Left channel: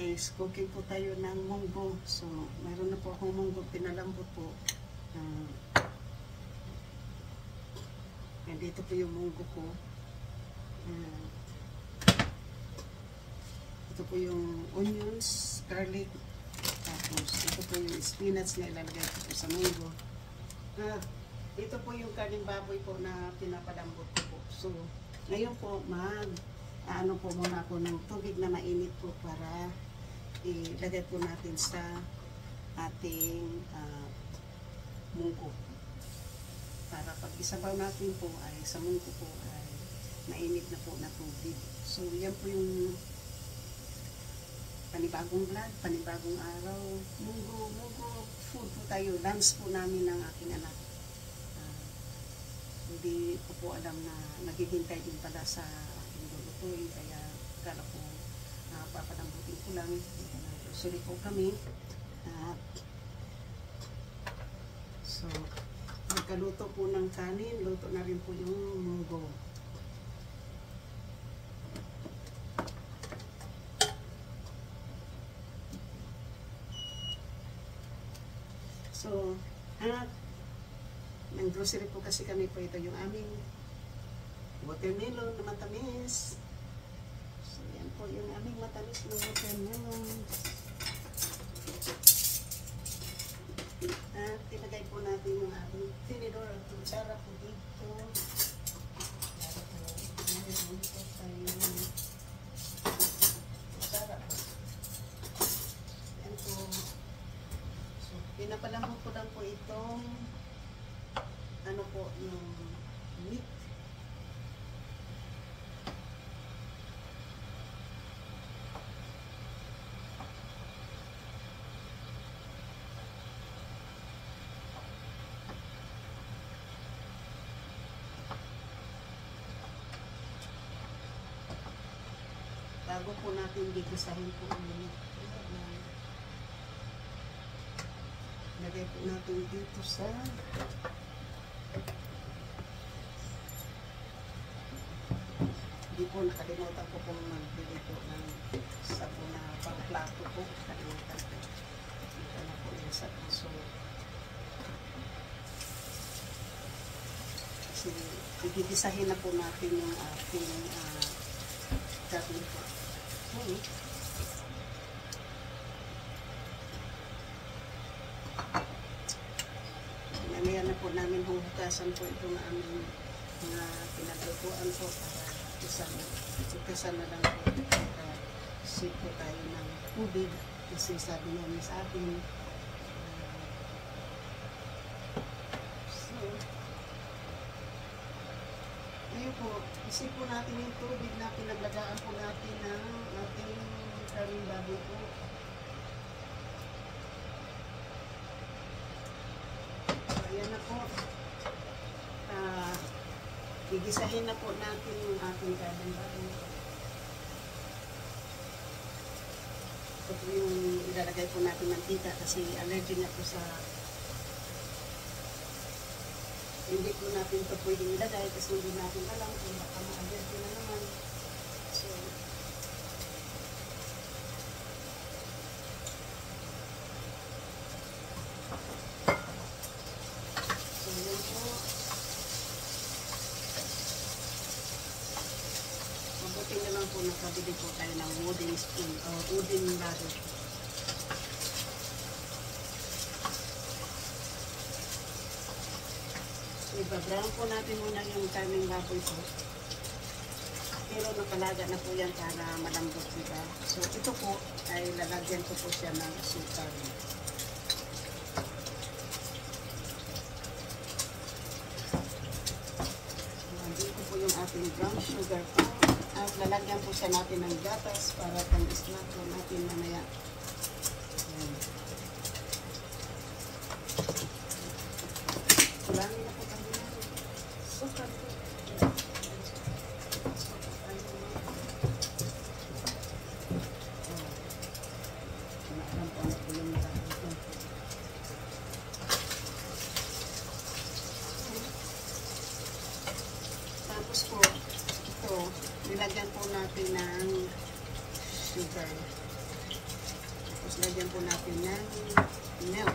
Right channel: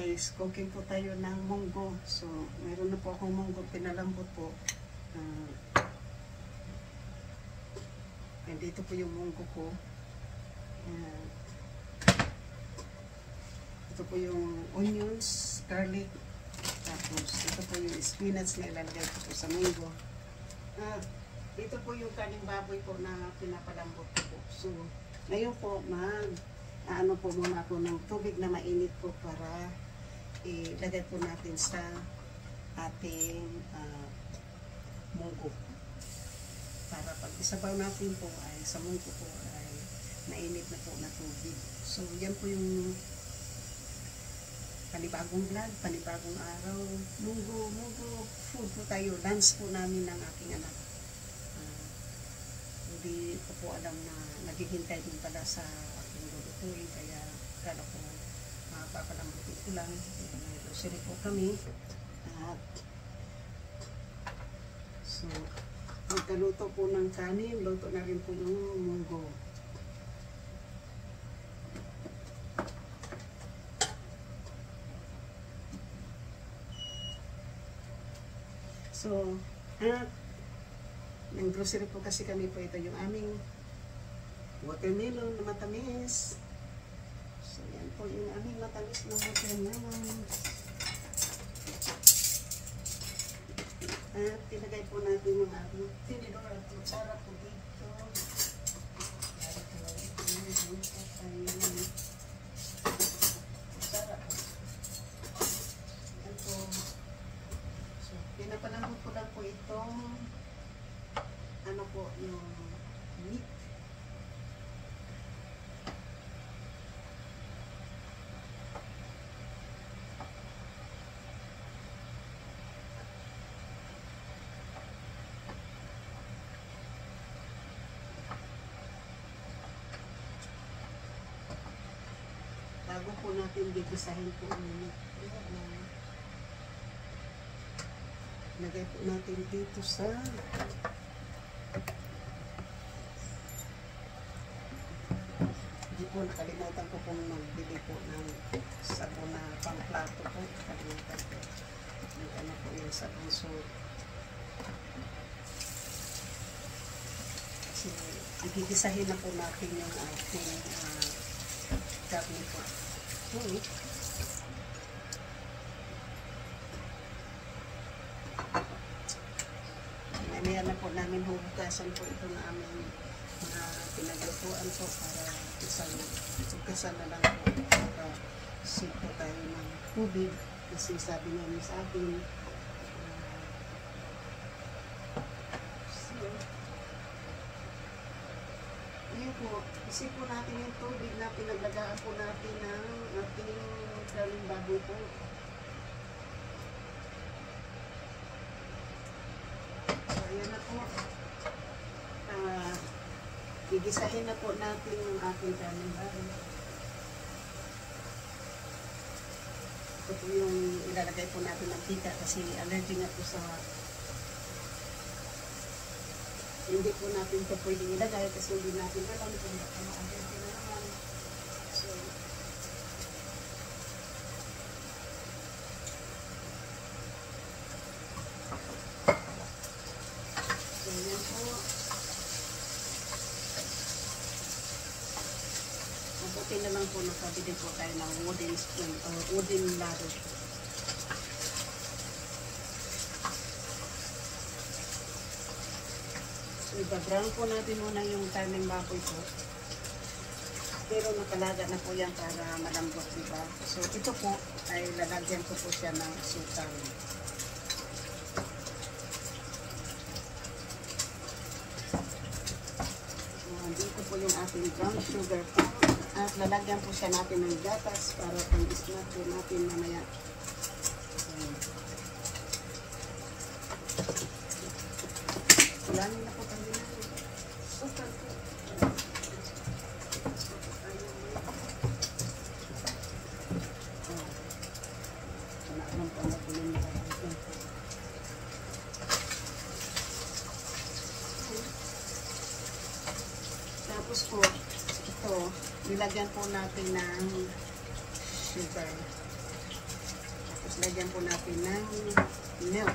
guys, cooking po tayo ng munggo. So, mayroon na po akong munggo, pinalambot po. And dito po yung munggo ko. Ito po yung onions, garlic. Tapos, ito po yung spinach na ilalagay ko po sa munggo. Dito po yung kaning baboy po na pinapalambot ko po. So, ngayon po, ano po muna ako ng tubig na mainit po para ilagay po natin sa ating munggo. Para pag isabaw natin po ay sa munggo po ay mainit na po na tubig. So yan po yung panibagong vlog, panibagong araw. Munggo food po tayo. Lunch po namin ng aking anak. Hindi ko po alam na naghihintay din pala sa kaya kala ko papalambutin ko lang. Sorry po kami. So magkaluto po ng kanin, luto na rin po yung munggo. So ng grocery po kasi kami po, ito yung aming watermelon na matamis. So, yan po yung aming matamis na watermelon. At tinagay po natin yung ating tinidor at kutsara po dito. Para po mayroon po tayong kutsara po. Yan po. So, pinapalamot ko lang po itong ano po yung meat. Bago po natin gigisahin po ang meat. Lagay po natin dito sa hindi po nakalimutan ko kung magbili po ng sabon na pang-plato po. Nakalimutan po. Ano po yung sabon. So, kasi igigisahin na po natin yung ating gabin po. Mamaya na po namin hugasan po itong aming mga pinaglutuan po para ikasan na lang po para sito tayo ng tubig kasi sabi niya sa atin so ngayon po isip po natin yung tubig na pinaglagaan po natin ng ating karing baboy po. So ayan na po, gigisahin na po natin yung ating kanin baboy. Ito po yung ilalagay po natin ng mantika kasi allergy nga po sa hindi po natin ito pwedeng ilagay kasi hindi natin alam kung baka ma-allergy na naman. So yan po. Mabuti na lang po nakabili po tayo ng wooden spoon or wooden ladder. So ibabrown po natin muna yung karning baboy po. Pero nakalaga na po yan para malambot, diba? So ito po ay lalagyan ko po siya ng asukal. Dito po yung ating brown sugar po. At lalagyan po siya natin ng gatas para pang-snack po natin mamaya. Kulangin na po tayo natin. Sugar po. Naalam po na po yung nalagyan po. Tapos po, ito, nilagyan po natin ng sugar. Tapos lagyan po natin ng milk.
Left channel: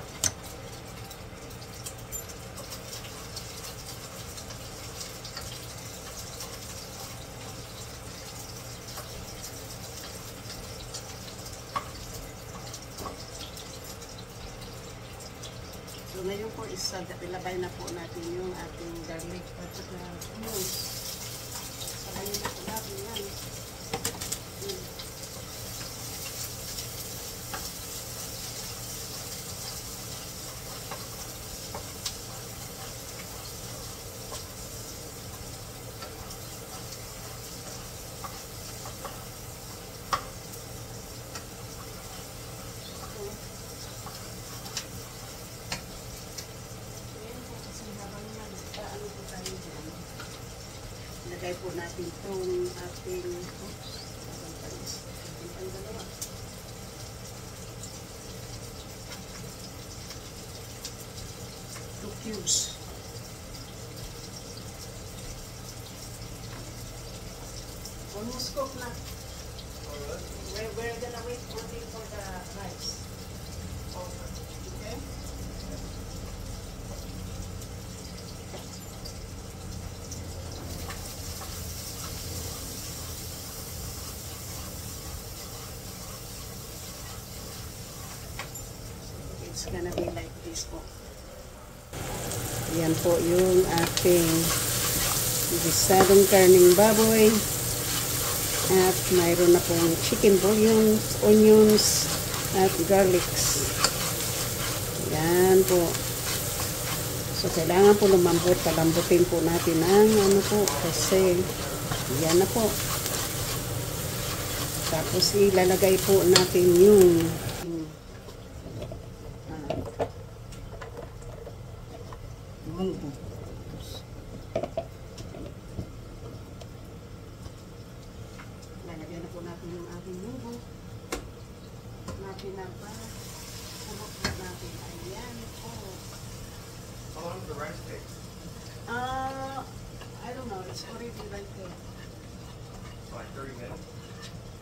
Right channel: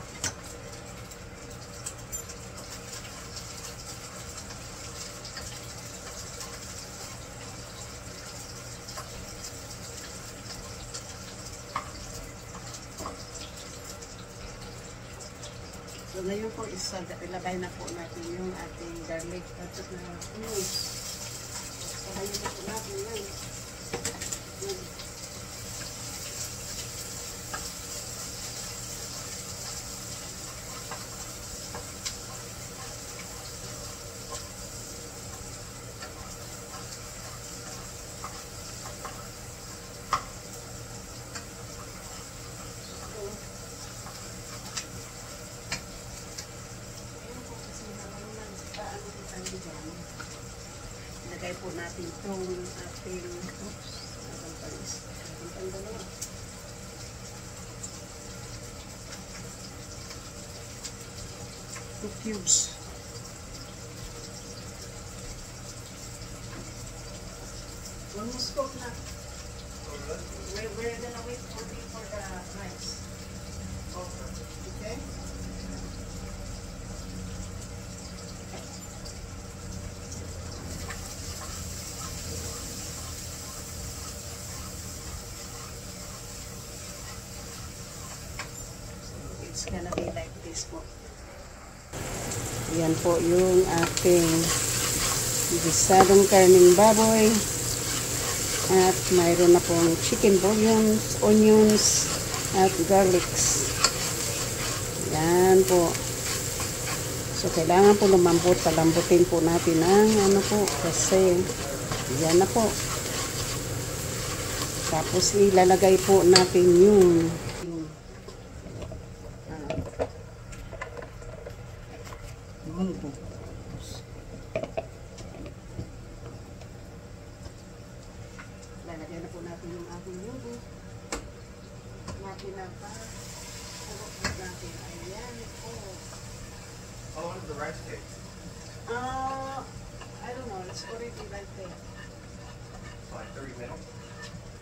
So ngayon po ilagay na po natin yung ating garlic at saka onions. Ilagay na po natin yan. Ilagay po natin itong ating two cubes. Almost cooked na. We're gonna wait only for the rice. Okay? It's gonna be like this po. Yan po yung ating gisadong karning baboy. At mayroon na pong chicken bouillons, onions, at garlics. Yan po. So, kailangan po lumambot. Palambutin po natin ang ano po. Kasi, yan na po. Tapos, ilalagay po natin yung munggo. Lalagyan na po natin yung ating munggo. Natin na pa. Ano natin? Ayan po. How long does the rice take? I don't know. It's already right there. Like 30 minutes?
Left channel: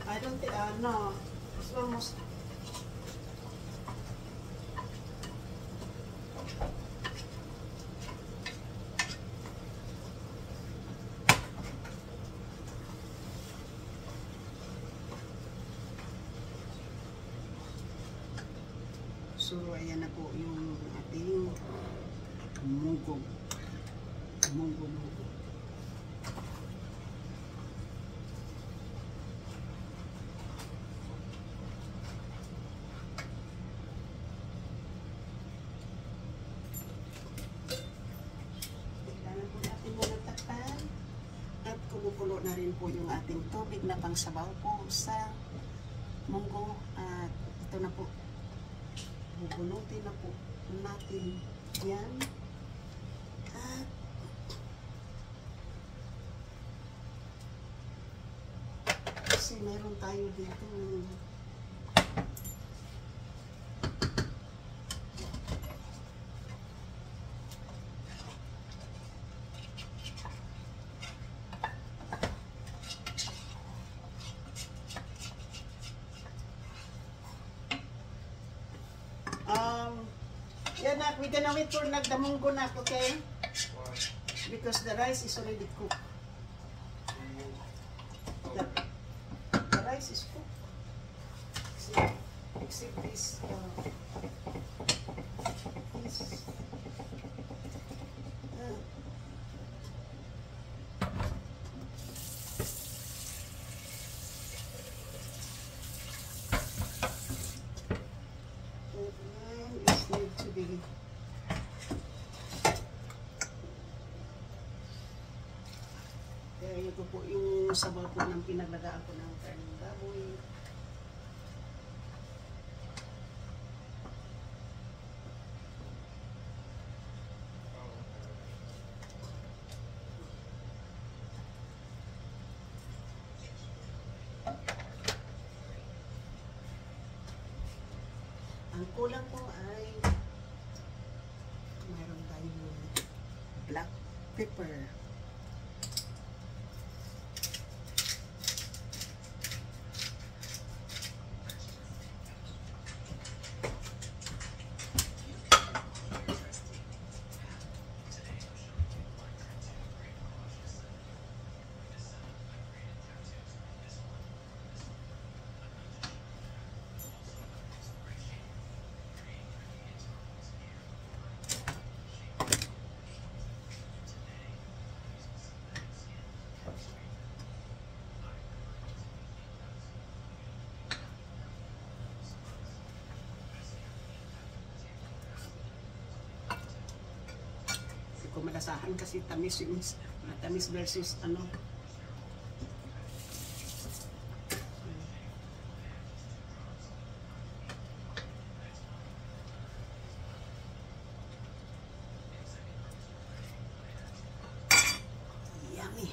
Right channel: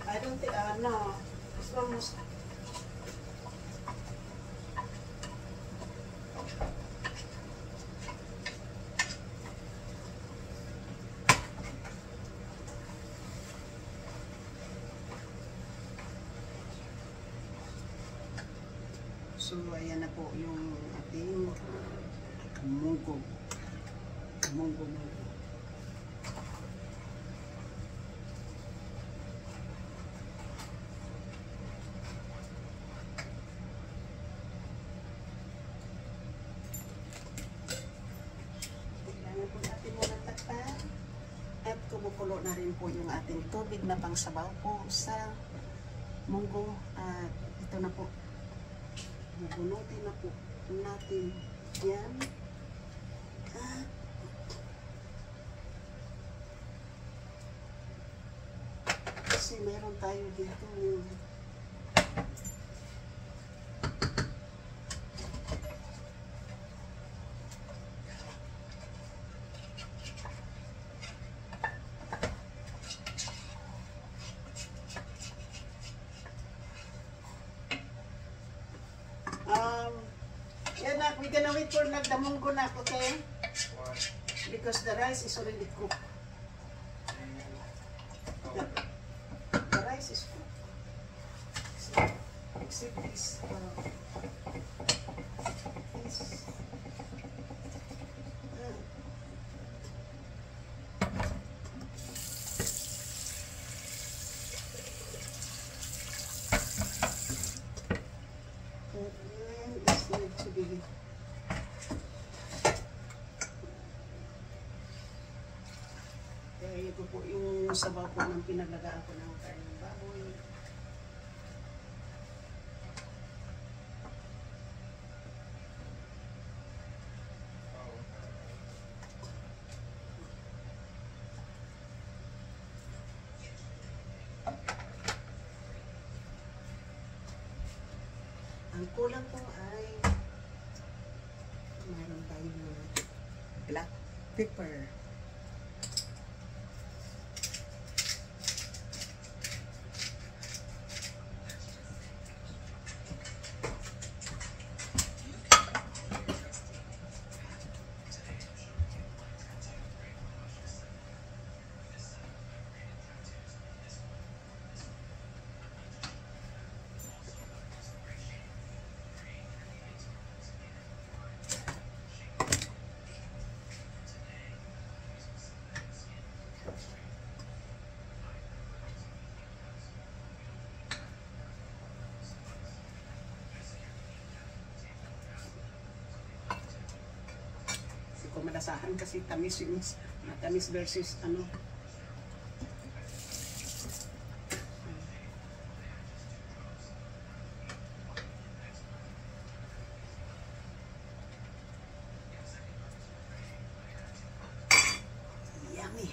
I don't think, no. It's almost. So, ayan na po yung ating munggo. Munggo. Kailangan po natin muna takpan. At kumukulo na rin po yung ating tubig na pangsabaw po sa munggo. At ito na po. Bubunutin na po natin yan. At kasi meron tayo dito yeah, nak, we're gonna wait for nagdamunggo na, okay? Because the rice is already cooked. The rice is cooked. So, except this, kaya ito po yung sabaw po ng pinaglagaan ko ng karning baboy. Ang kulang po ay mayroon tayong black pepper. lasahan kasi tamis yung matamis versus ano. Yummy.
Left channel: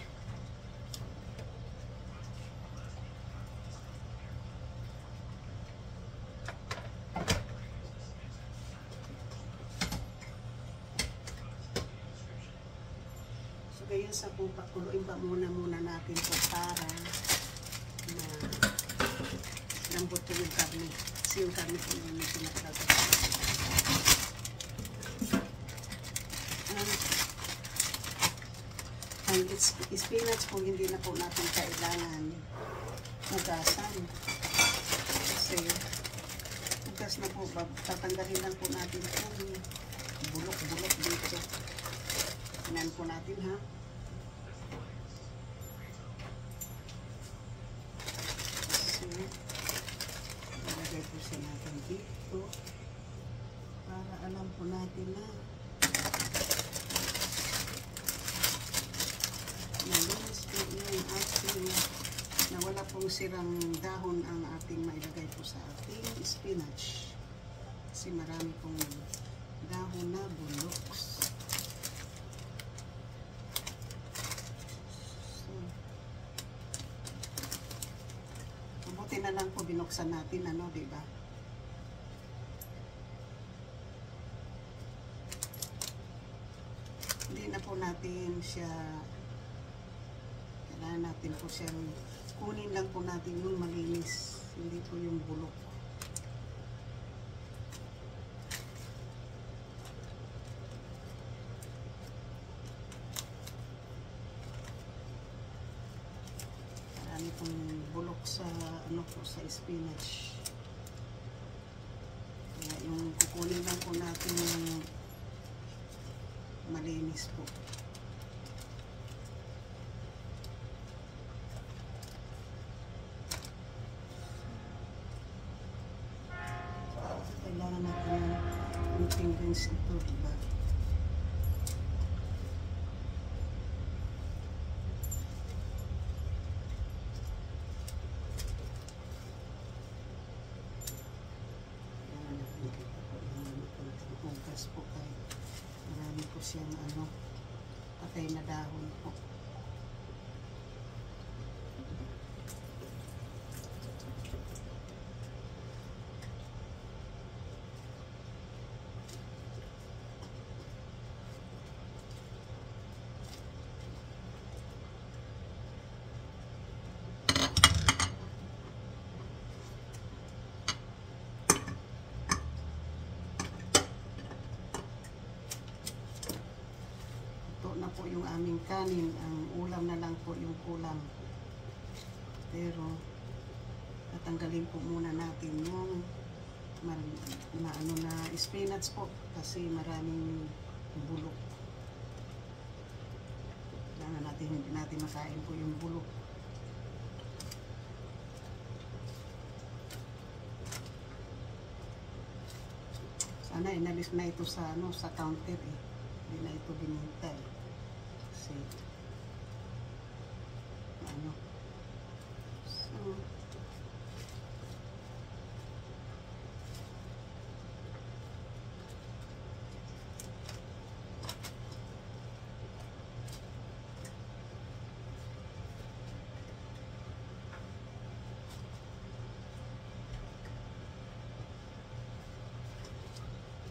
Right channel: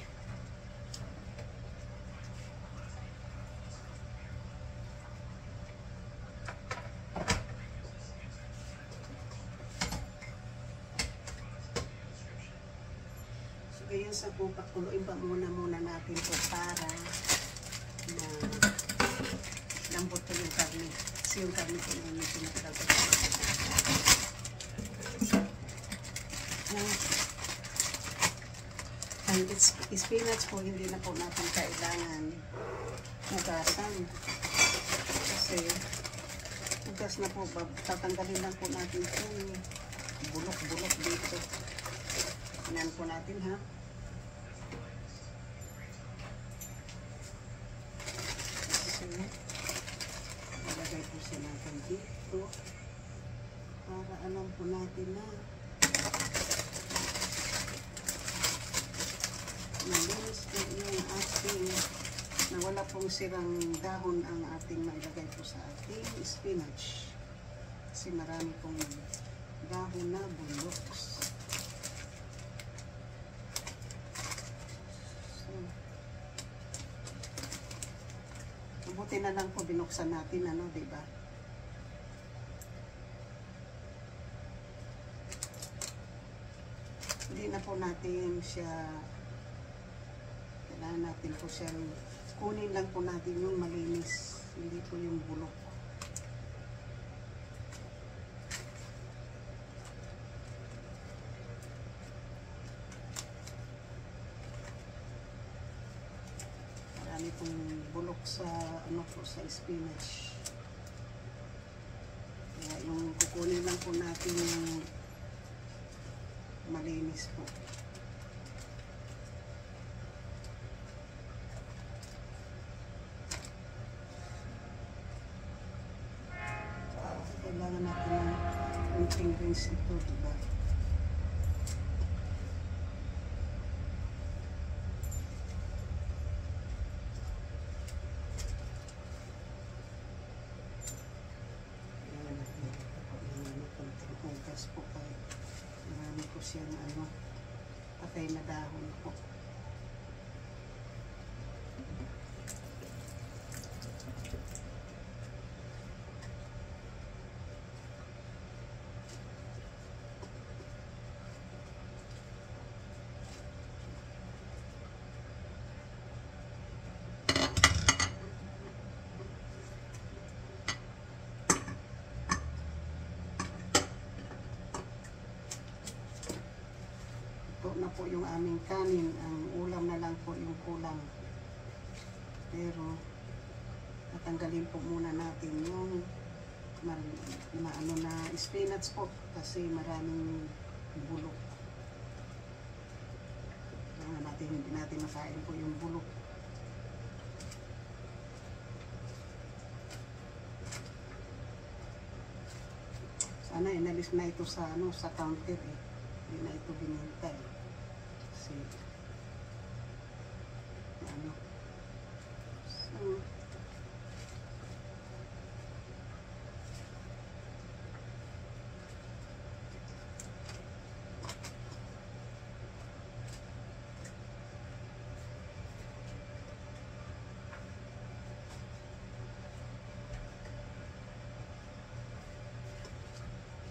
Ngayon sa po, pakuluin pa muna natin po para na lambot po yung karne. Kasi yung karne po yung pinakalagot. Ang spinach po, hindi na po natin kailangan hugasan. Kasi hugas na po, tatanggalin lang po natin yung bulok-bulok dito. Tingnan po natin ha. Ilagay po siya natin dito para alam po natin na malinis po yung ating na wala pong sirang dahon ang ating mailagay po sa ating spinach kasi marami pong dahon na bulok. Mabuti na lang po binuksan natin, ano, diba? Hindi na po natin siya, kailangan natin po siya, kunin lang po natin yung malinis, hindi po yung bulok. Marami pong bulok sa ano po sa spinach. Kaya yung kukunin lang po natin yung malinis po. Kailangan natin ng kunting rinse ito, diba? Po kahit marami po siyang ano, patay na dahon po. Na po yung aming kanin, ang ulam na lang po yung kulang. Pero natanggalin po muna natin yung ano na spinach po kasi maraming bulok. Kailangan natin hindi natin makain po yung bulok. Sana inalis na ito sa ano, sa counter eh. Hindi na ito binintay. Kasi ano.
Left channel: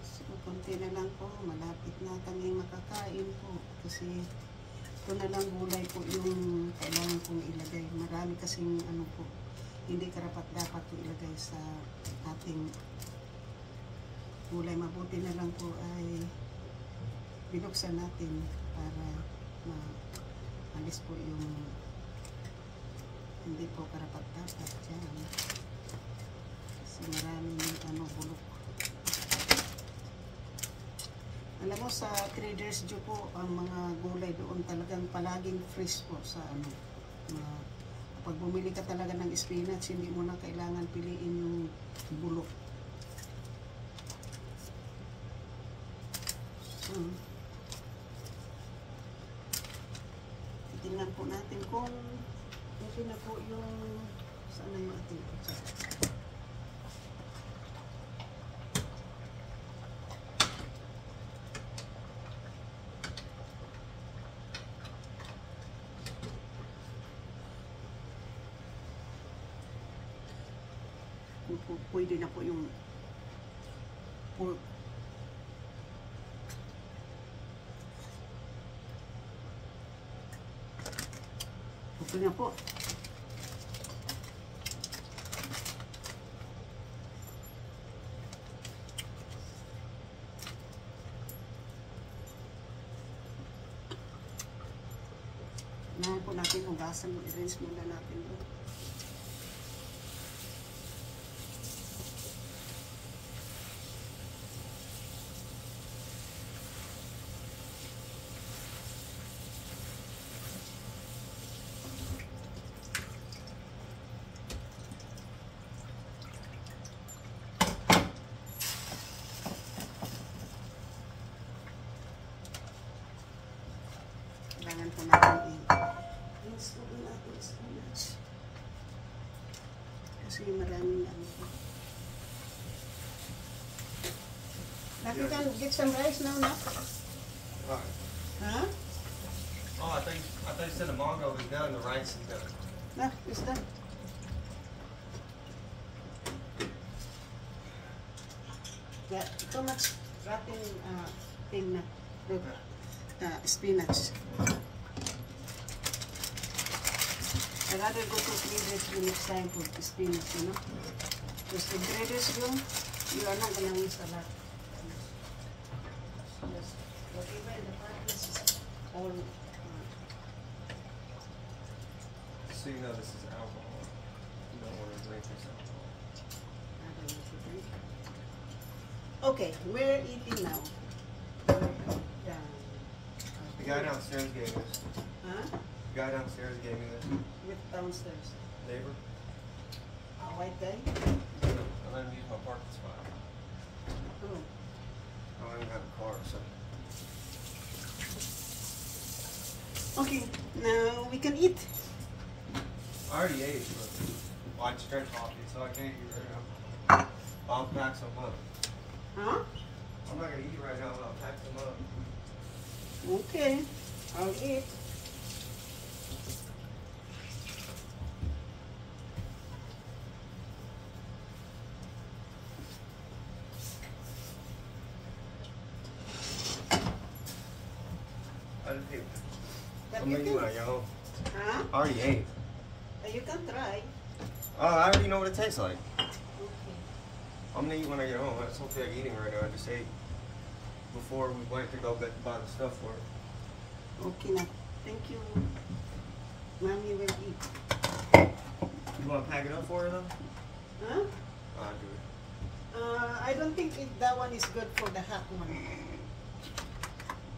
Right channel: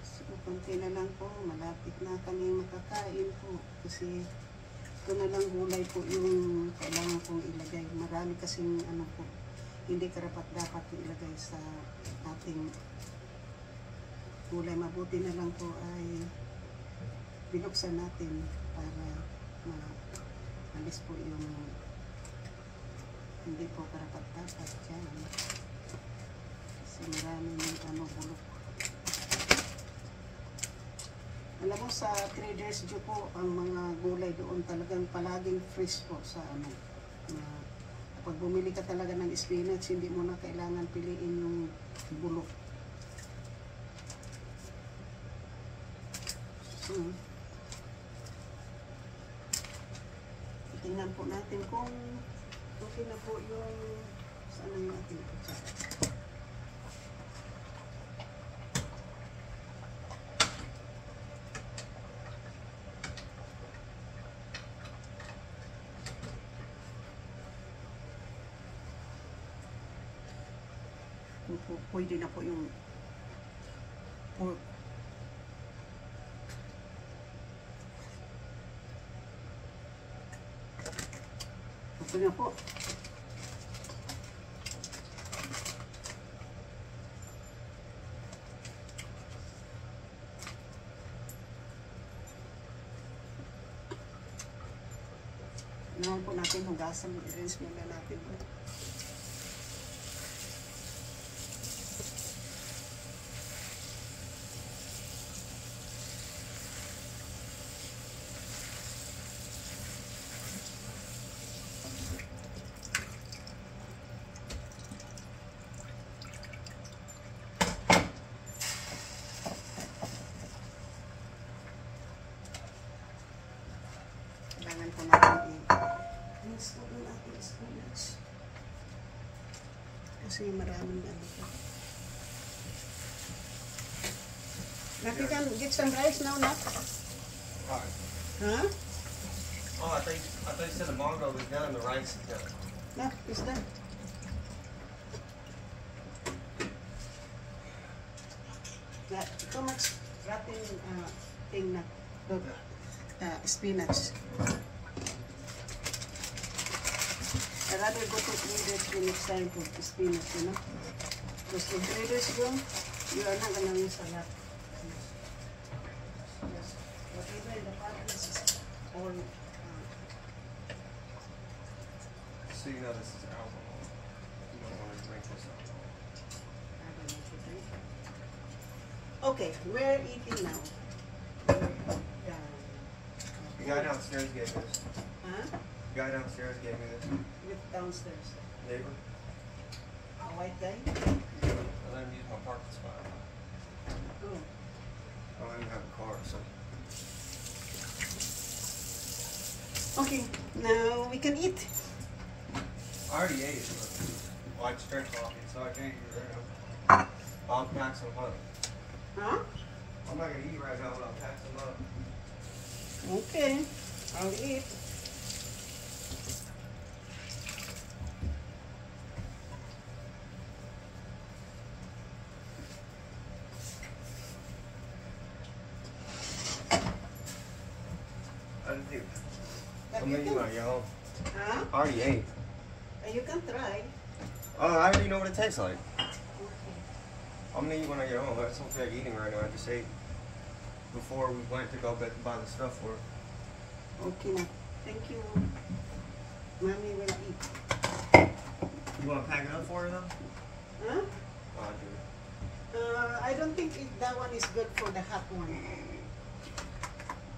So konti na lang po, malapit na kami makakain po kasi ito na lang gulay po yung kailangan kong ilagay. Marami kasing ano po, hindi karapat-dapat po ilagay sa ating gulay. Mabuti na lang po ay binuksan natin para maalis po yung hindi po karapat-dapat dyan kasi maraming ano, bulok. Alam mo, sa Traders Joe po, ang mga gulay doon talagang palaging fresh po sa ano. Kapag bumili ka talaga ng spinach, hindi mo na kailangan piliin yung bulok. So, Tingnan po natin kung okay na po yung saan na yung ating kutsara. Pwede na po yung pork. Ito na po. Nahan po natin hugasan. I-rinse muna natin. Kailangan po natin i-rinse po natin spinach. Kasi maraming ano po. Natin can get some rice now, no? Alright. Huh? Oh, I thought you said the mango was done, the rice is done. No, it's done. Too much wrapping thing na. Spinach. I rather go to traders the next time for spinach, you know. Because the traders room, you are not gonna miss a lot. Yes. Whatever in the package is all. So you know this is alcohol. You don't want to drink this alcohol. I don't know to drink. Okay, we're eating now. The guy downstairs gave me this. Huh? The guy downstairs gave me this. With downstairs. Neighbor. A white guy? I let him use my parking spot. Oh. I don't even have a car, so. Okay, now we can eat. I already ate, but well, I just drank coffee, so I can't eat right now. I'll pack some up. Huh? I'm not gonna eat right now, but I'll pack some up. Okay, I'll eat. I didn't do. But I'm you gonna eat can, my y'all. huh? I already ate. You can try. I already know what it tastes like. Okay. I'm gonna eat when I get home. I just don't feel like eating right now. I just ate before we went to go buy the stuff for it. Okay now. Thank you. Mommy will eat. You wanna pack it up for her though? Huh? Oh, I do. I don't think that one is good for the hot one.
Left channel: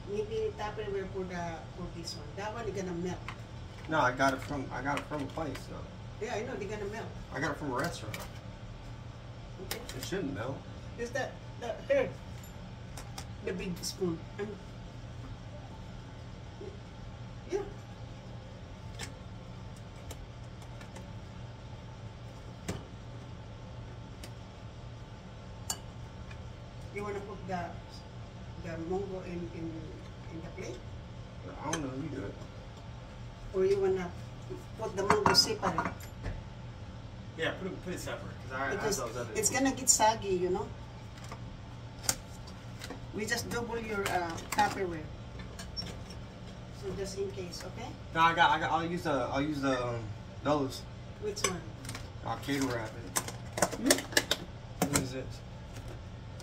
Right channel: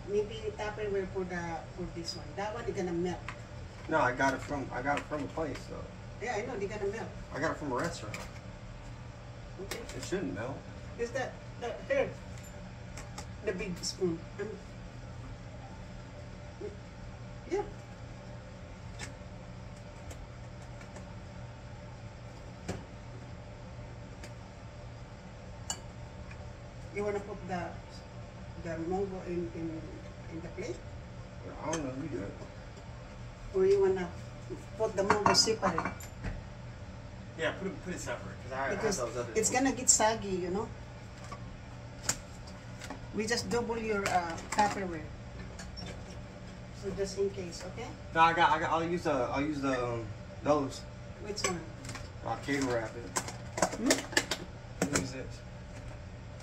Maybe Tupperware for this one. That one is gonna melt. No, I got it from a place. So. Yeah, I know they're gonna melt. I got it from a restaurant. Okay. It shouldn't melt. Is that here? The big spoon. Yeah. You wanna put the mango in the plate, I don't know. You do it. or you wanna put the mango separate? Yeah, put it separate Because it's gonna get saggy, you know. We just double your Tupperware. So just in case, okay? No, I'll use the those. Which one? I'll cater wrap it. Hmm? What is this?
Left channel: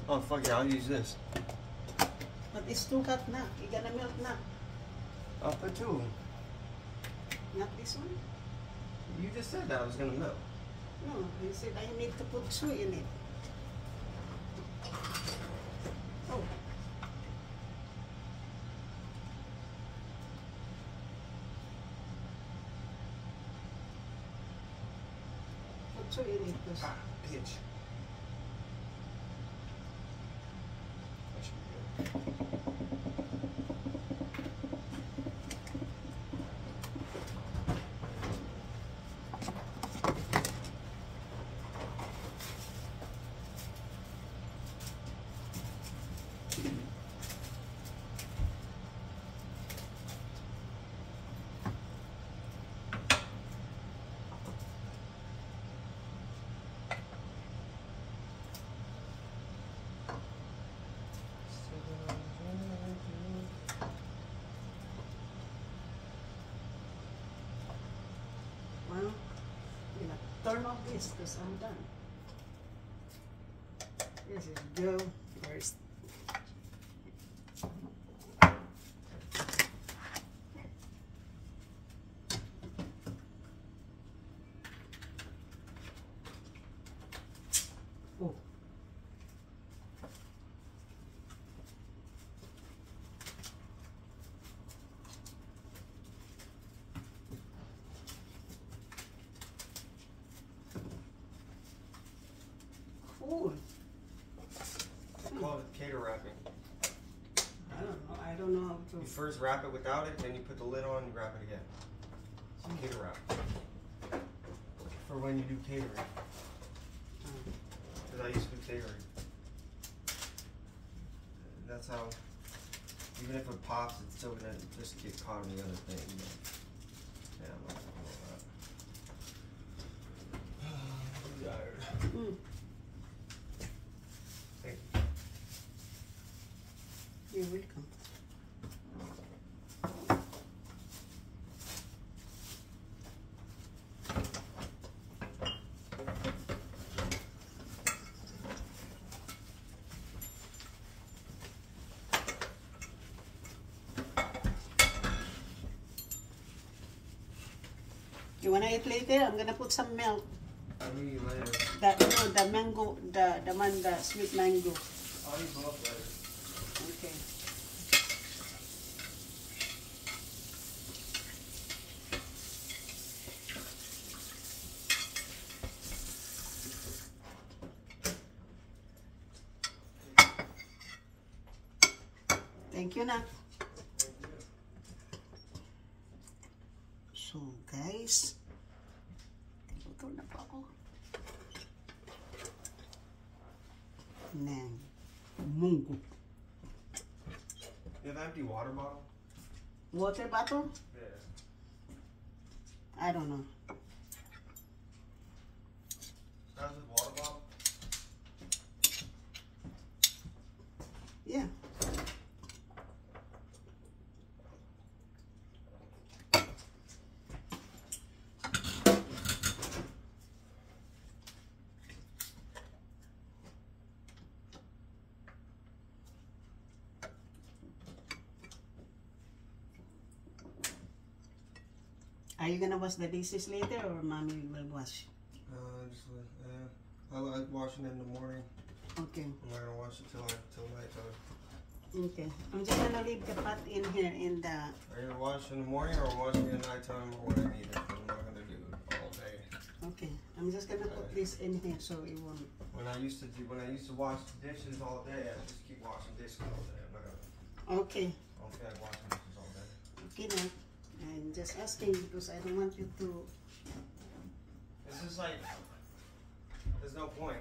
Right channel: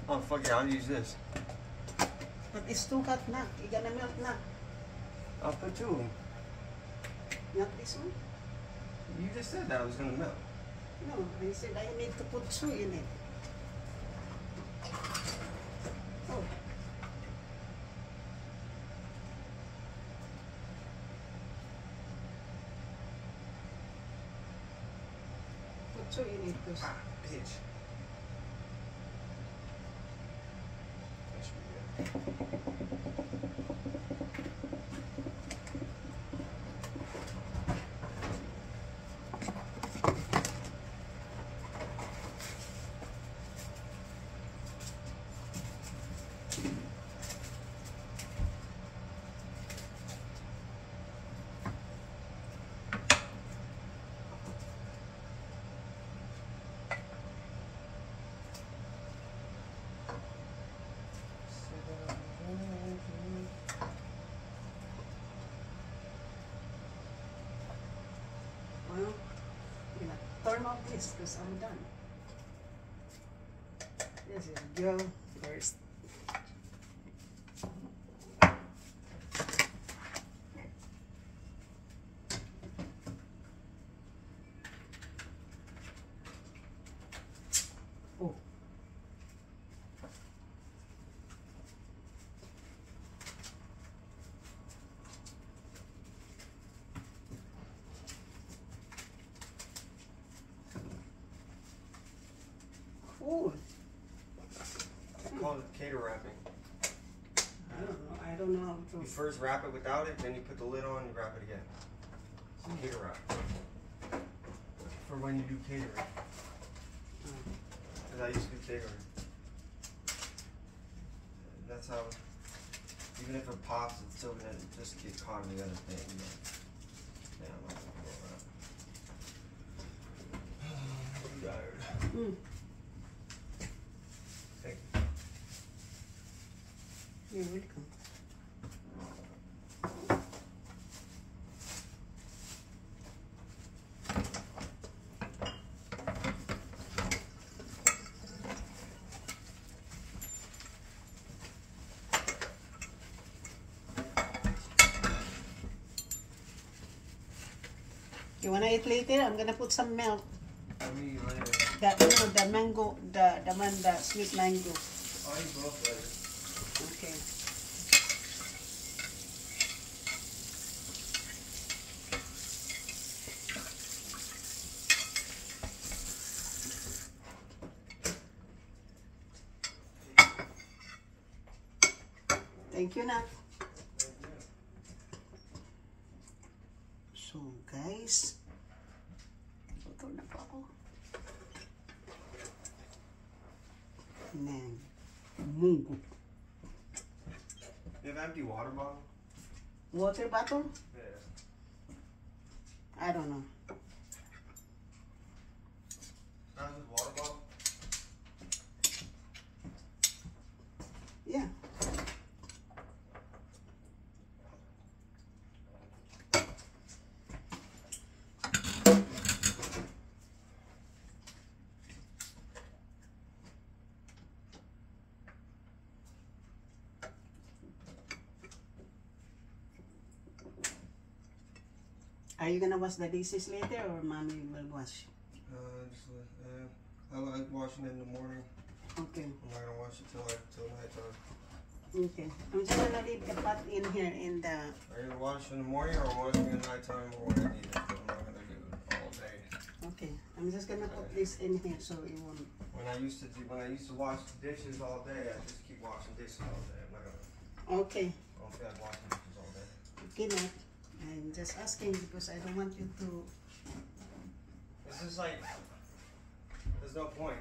Oh fuck it, I'll use this. But it's too hot na. It's gonna melt na. I'll put two of them. Not this one? You just said that it was gonna melt. No, I said I need to put two in it. Oh. Put two in it, please. Ah, bitch. That should be good. warm up this because I'm done. Yes, you go first. Oh. Cool. Call it cater wrapping. I don't know how You to. first wrap it without it, then you put the lid on and wrap it again. So cater wrap. For when you do catering. Because I used to do catering. That's how, even if it pops, it's still gonna just get caught in the other thing. You know? Yeah, I'm not gonna roll that. I'm tired. Mm. Thank you. You're welcome. You wanna eat later? I'm gonna put some milk. I'll meet you later. The mango, the sweet mango. I'll eat both later. Okay. Thank you, Nat. So, guys, ito na po ako. Nang munggo. You have an empty water bottle? Water bottle? Yeah. I don't know. How's this water bottle? Yeah. Are you gonna wash the dishes later or mommy will wash? I like washing it in the morning. Okay. I'm not gonna wash it till nighttime. Okay. I'm just gonna leave the pot in here in the. Are you gonna wash in the morning or washing at nighttime or when I need it? I'm not gonna do it all day. Okay. I'm just gonna put this in here so it won't. When I used to wash dishes all day, I just keep washing dishes all day. I'm not gonna. Okay. I don't feel like washing dishes all day. Okay, now. I'm just asking because I don't want you to. It's just like there's no point.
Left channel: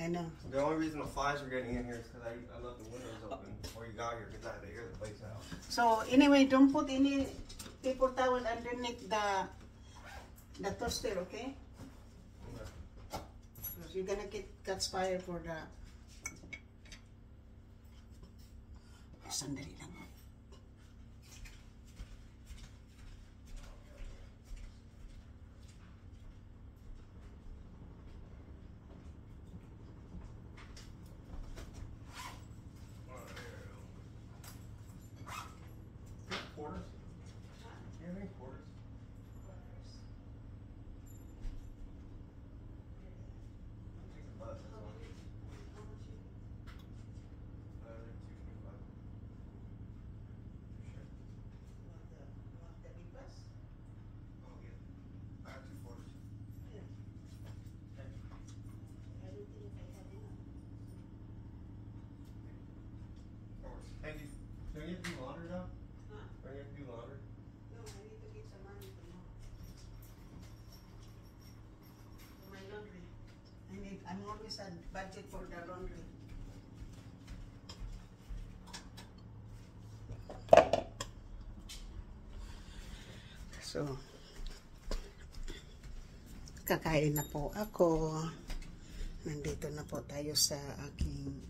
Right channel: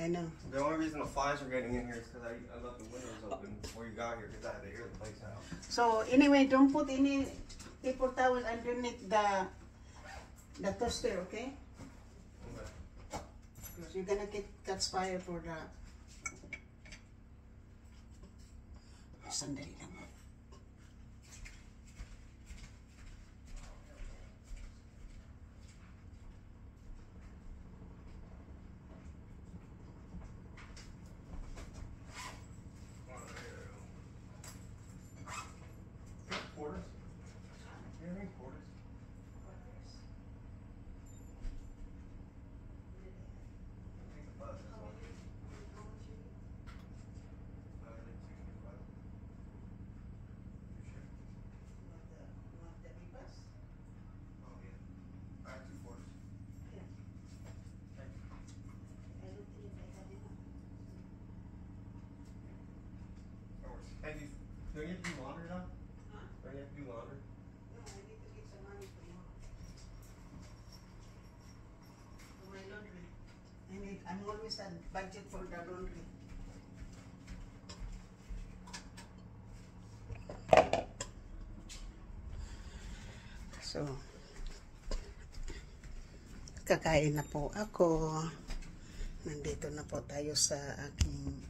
I know. The only reason the flies are getting in here is because I left the windows open before you got here because I had to air the place out. So anyway, don't put any paper towel underneath the toaster, okay? Okay. Because you're gonna catch fire for the. Sandali lang. Quarters? You have any quarters? Take the bus, that's all. Oh, yeah. I have 2 quarters. Have you, do you have to do laundry now? Huh? Do you have to do laundry? No, I need to get some money tomorrow. For my laundry. I'm always at budget for the laundry. So, kakain na po ako. Nandito na po tayo sa aking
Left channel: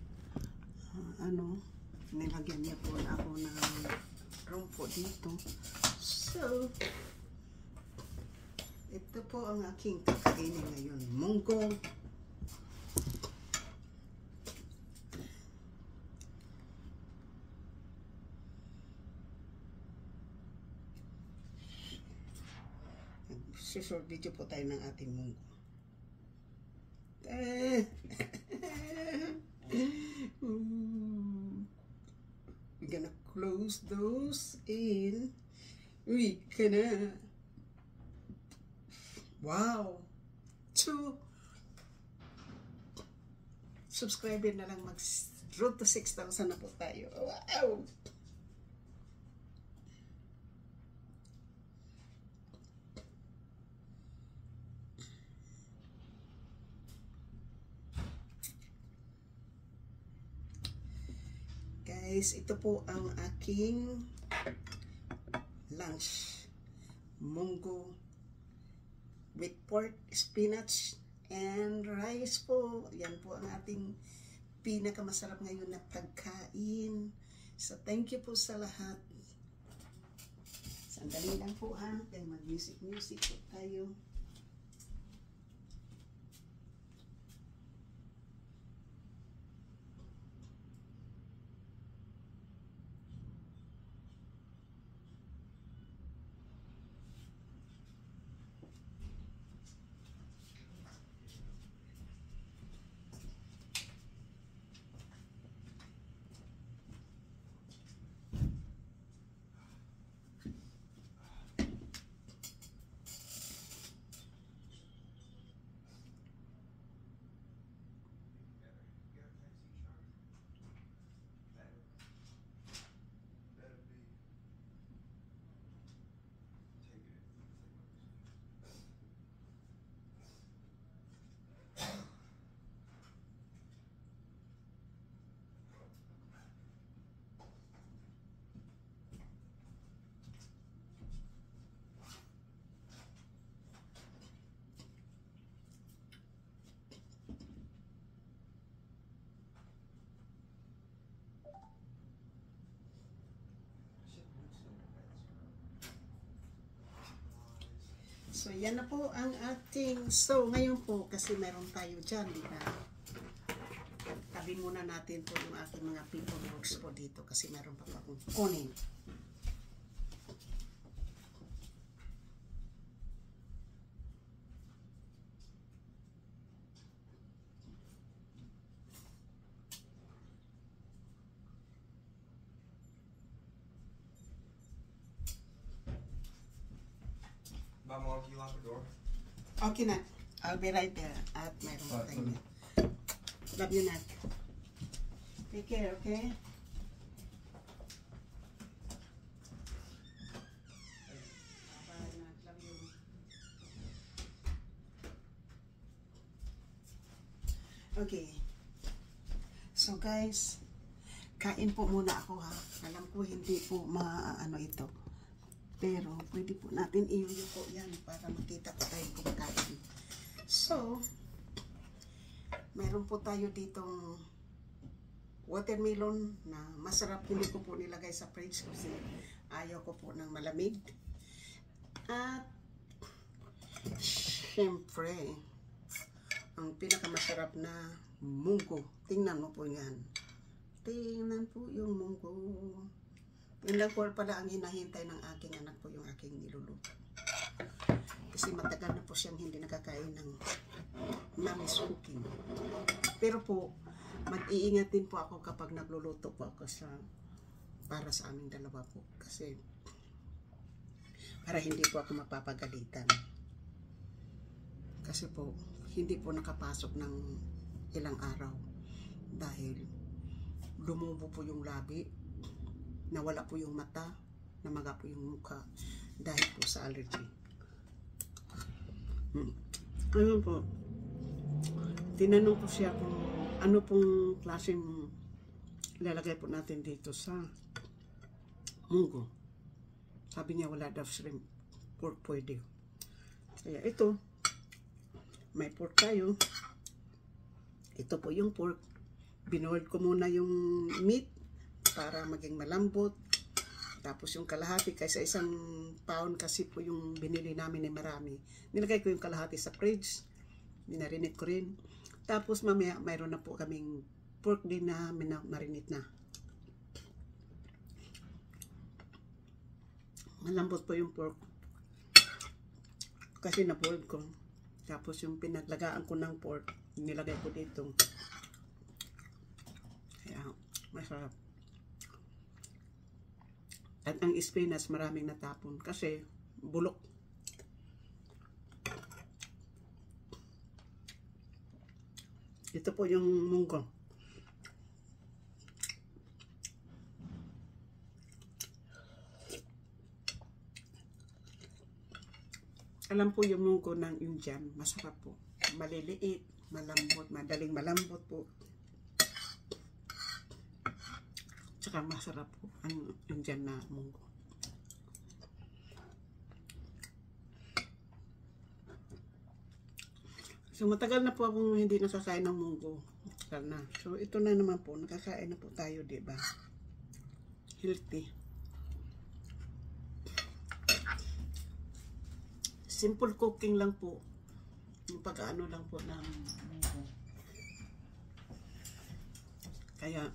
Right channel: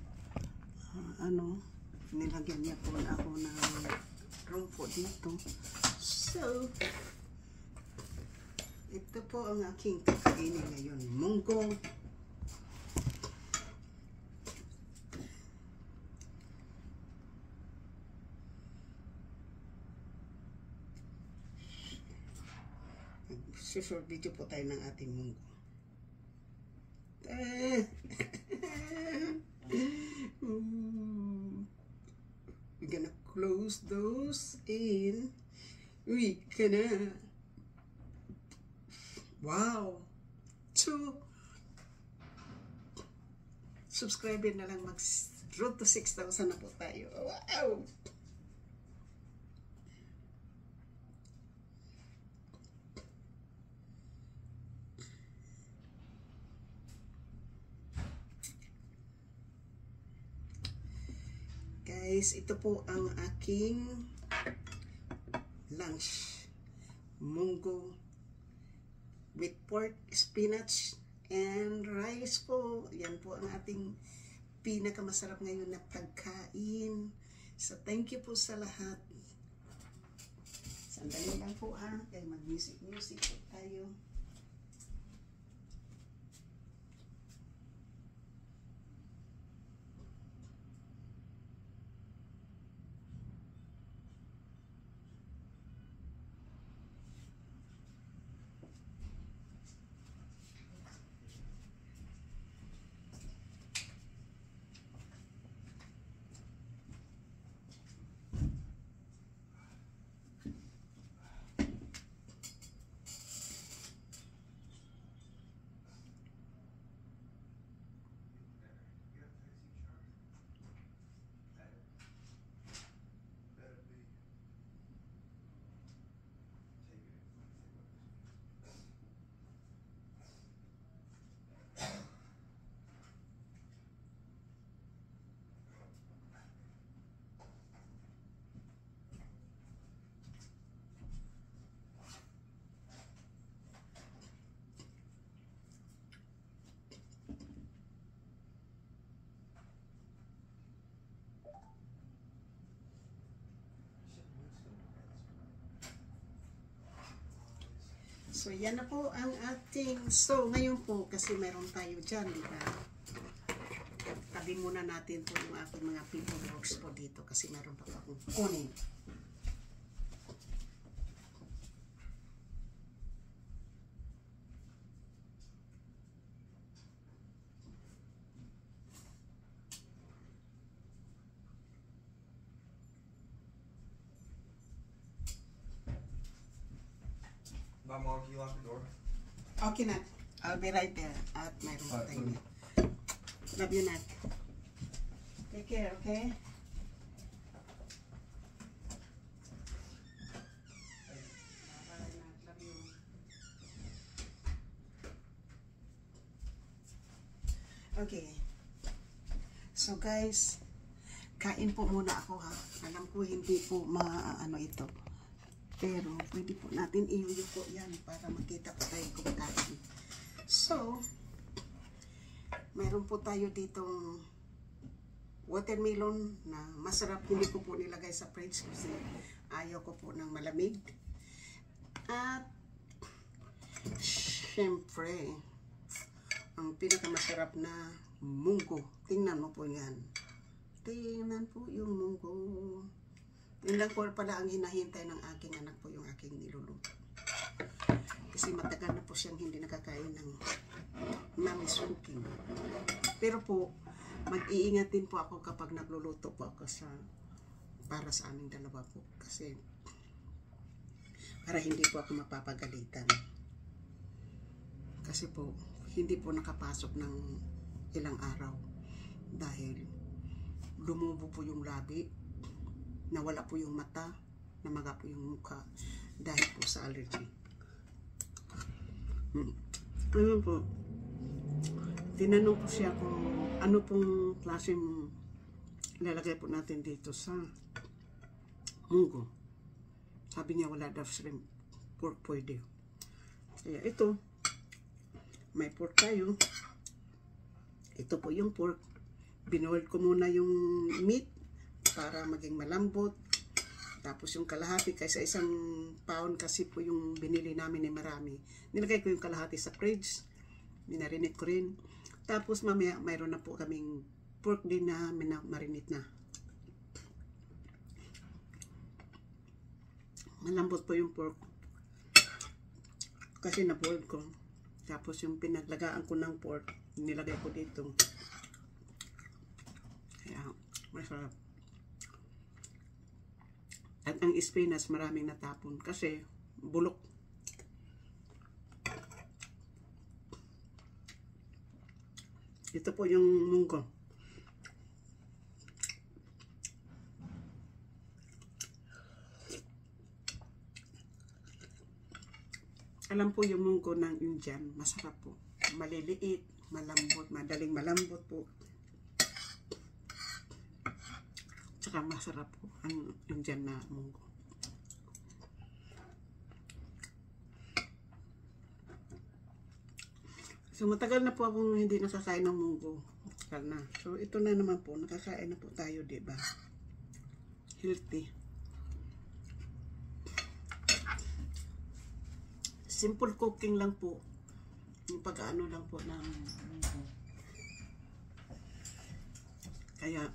nilagyan niya po na ako ng room po dito. So, Ito po ang aking kakainin ngayon. Munggo. Short video po tayo ng ating munggo. We're gonna close those in. We gonna. Wow! 2 subscriber na lang, road to 6,000 na po tayo. Wow! Guys, ito po ang aking lunch. Munggo with pork, spinach, and rice po. Yan po ang ating pinakamasarap ngayon na pagkain. So, thank you po sa lahat. Sandali lang po ha. Kaya mag-music po tayo. So, yan na po ang ating, so, ngayon po, kasi meron tayo dyan, di ba? Tabi muna natin po yung ating mga paperworks po dito, kasi meron pa po akong kunin. Mom, can you lock the door? Okay na. I'll be right there. At mayroon pa tayo. Love you, Nat. Take care, okay? Bye, Nat. Love you. Okay. So, guys, kain po muna ako, ha? Alam ko hindi po maano ito. Pero, pwede po natin i-view po yan para makita po tayo kumakain. So, mayroon po tayo ditong watermelon na masarap. Hindi ko po nilagay sa fridge kasi ayaw ko po ng malamig. At, syempre, ang pinakamasarap na munggo. Tingnan mo po yan. Tingnan po yung munggo. Yun lang po pala ang hinahintay ng aking anak po, yung aking niluluto. Kasi matagal na po siyang hindi nakakain ng mommy's cooking. Pero po, mag-iingat din po ako kapag nagluluto po ako para sa aming dalawa po. Kasi para hindi po ako mapapagalitan. Kasi po, hindi po nakapasok ng ilang araw. Dahil lumubo po yung labi. Nawala po yung mata, namaga po yung mukha dahil po sa allergy. Ayun po, tinanong ko siya kung ano pong klaseng lalagay po natin dito sa munggo. Sabi niya wala daw shrimp, pork pwede. Kaya ito, may pork tayo. Ito po yung pork. Binoil ko muna yung meat para maging malambot. Tapos yung kalahati, kaysa isang pound kasi po yung binili namin ni marami. Nilagay ko yung kalahati sa fridge. Minarinate ko rin. Tapos mamaya mayroon na po kaming pork din na marinate na. Malambot po yung pork. Kasi na-boiled ko. Tapos yung pinaglagaan ko ng pork, nilagay ko dito. Kaya masarap. At ang spinach maraming natapon kasi bulok. Ito po yung munggo. Alam po yung munggo ng Indian, masarap po. Maliliit, malambot, madaling malambot po. Tsaka masarap po ang Indian na munggo. So matagal na po akong hindi nakakain ng munggo. Matagal na. So ito na naman po, nakakain na po tayo, diba? Healthy. Simple cooking lang po. Yung pag-ano lang po ng munggo. Kaya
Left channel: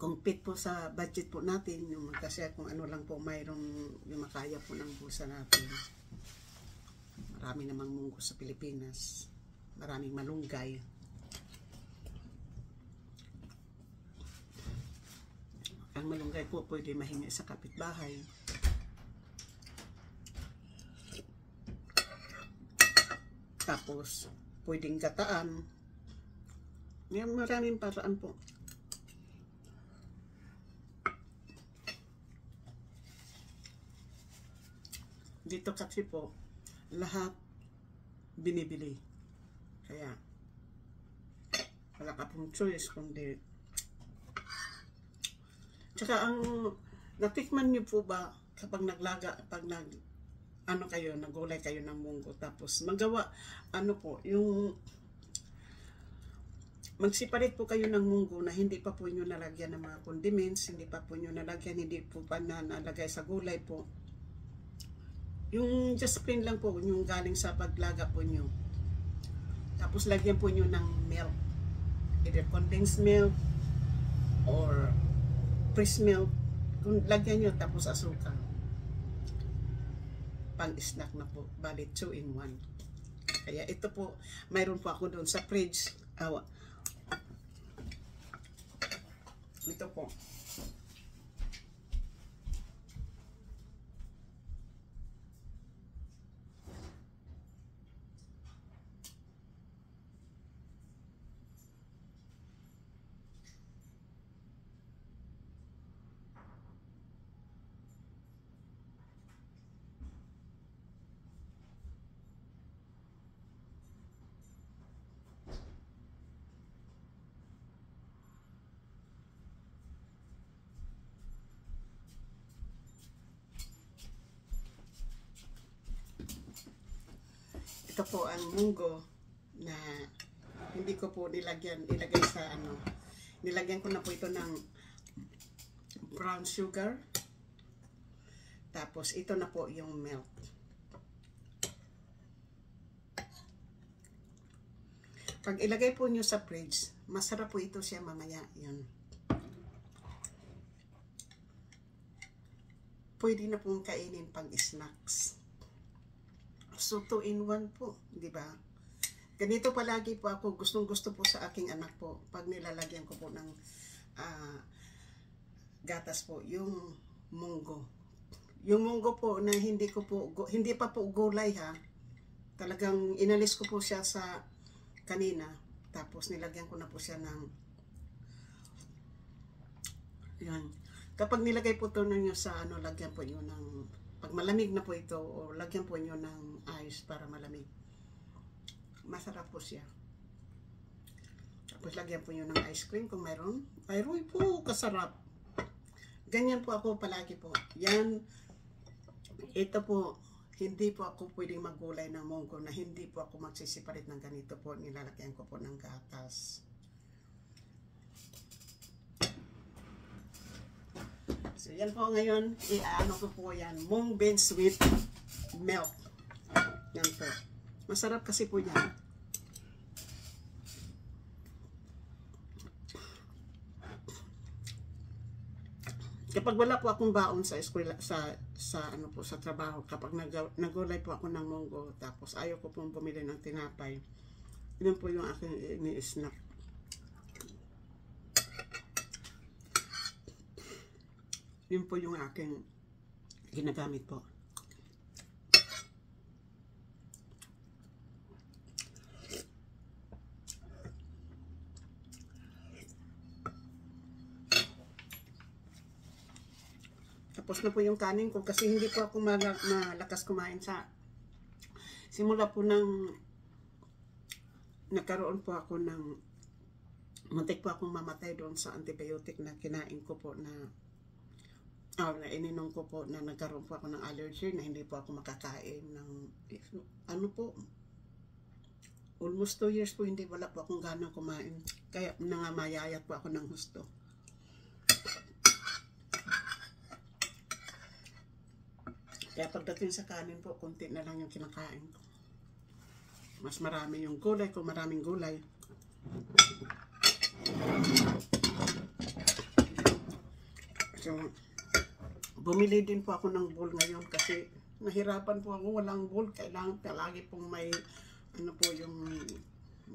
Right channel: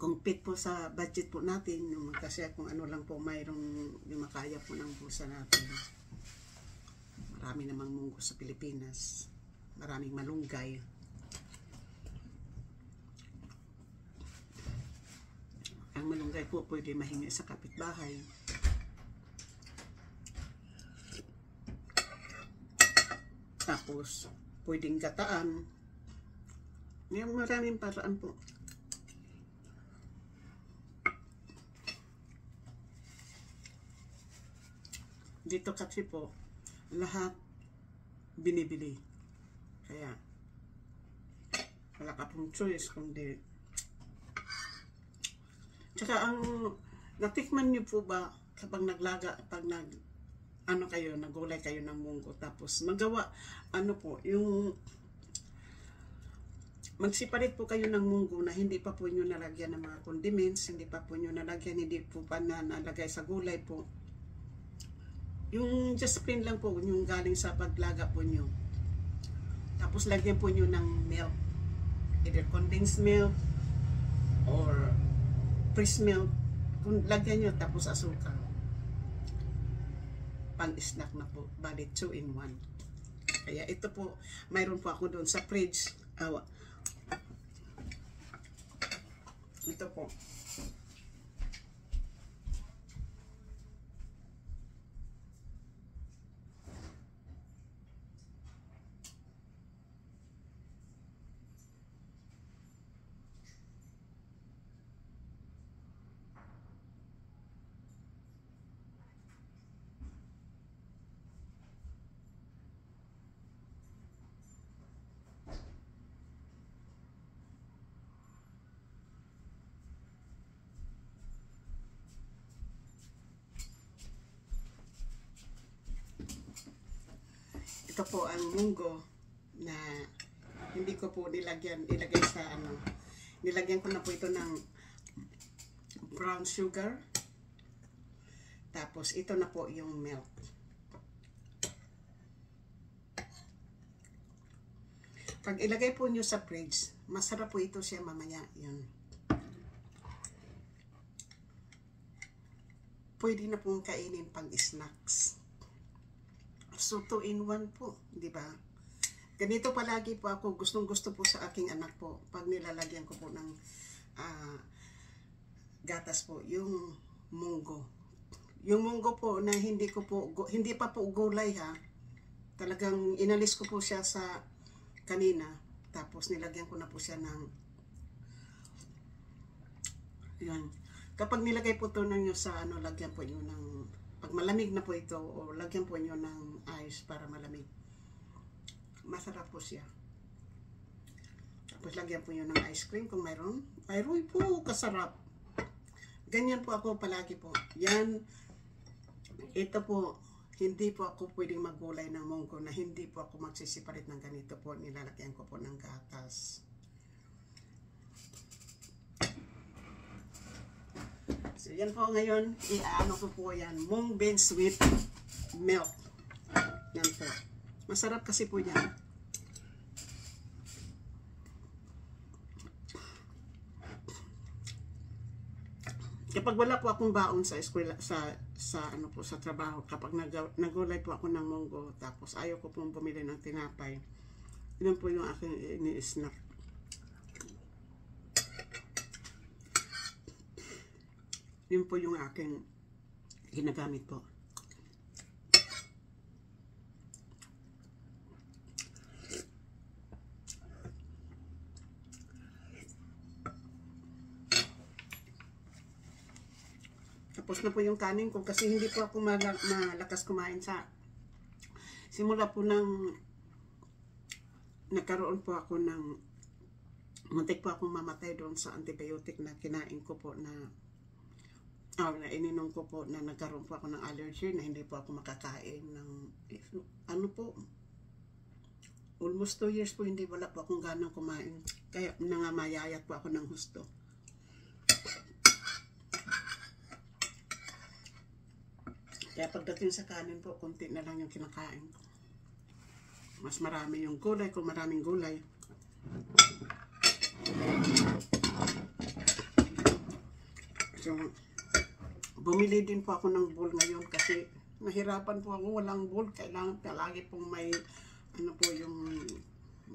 kung fit po sa budget po natin, yung kasi kung ano lang po mayroong yung makaya po ng bulsa natin. Marami namang munggo sa Pilipinas. Maraming malunggay. Ang malunggay po pwede mahingi sa kapitbahay. Tapos, pwedeng gataan. May maraming paraan po. Dito kasi po, lahat binibili. Kaya, wala ka pong choice kundi. Tsaka ang, natikman niyo po ba kapag naglaga, pag ano kayo, nagulay kayo ng munggo, tapos magawa, ano po, yung magsiparit po kayo ng munggo na hindi pa po nyo nalagyan ng mga condiments, hindi pa po nyo nalagyan, hindi po pa nalagay sa gulay po. Yung just plain lang po, yung galing sa paglaga po nyo. Tapos lagyan po nyo ng milk, either condensed milk or fresh milk. Kung lagyan nyo, tapos asukal. Pang-snack na po, bali 2 in 1. Kaya ito po, mayroon po ako doon sa fridge. Ito po. Ito po ang munggo na hindi ko po ilagay sa ano. Nilagyan ko na po ito ng brown sugar. Tapos ito na po yung milk. Pag ilagay po nyo sa fridge, masarap po ito siya mamaya. Yun. Pwede na pong kainin pang snacks. So 2 in 1 po, di ba? Ganito palagi po ako, gustong-gusto po sa aking anak po pag nilalagyan ko po ng gatas po, yung munggo. Yung munggo po na hindi pa po gulay ha. Talagang inalis ko po siya sa kanina, tapos nilagyan ko na po siya ng yan. Kapag nilagay po ito ninyo sa ano, lagyan po nyo ng, pag malamig na po ito, o lagyan po nyo ng ice para malamig. Masarap po siya. Tapos lagyan po nyo ng ice cream kung mayroon. Ayroy po, kasarap. Ganyan po ako palagi po. Yan, ito po, hindi po ako pwedeng maggulay ng munggo na hindi po ako magsisiparit ng ganito po. Nilalagyan ko po ng gatas. So yan po ngayon, i-ano ko po yan, mung beans with milk. Yan po. Masarap kasi po yan. Kapag wala po akong baon sa eskwela, sa ano po, sa trabaho, kapag nagulay po ako ng munggo, tapos ayaw ko pong bumili ng tinapay, yun po yung aking ini-snack. Yun po yung aking ginagamit po. Tapos na po yung kanin ko kasi hindi po ako malakas kumain sa simula po nang nagkaroon po ako ng muntik po akong mamatay doon sa antibiotic na kinain ko po na ininom ko po na nagkaroon po ako ng allergy na hindi po ako makakain ng ano po almost 2 years po hindi wala po akong ganang kumain kaya nangamayayat po ako ng husto. Kaya pagdating sa kanin po, konti na lang yung kinakain ko. Mas marami yung gulay, kung maraming gulay. So, bumili din po ako ng bowl ngayon kasi nahirapan po ako, walang bowl. Kailangan palagi pong may, ano po yung,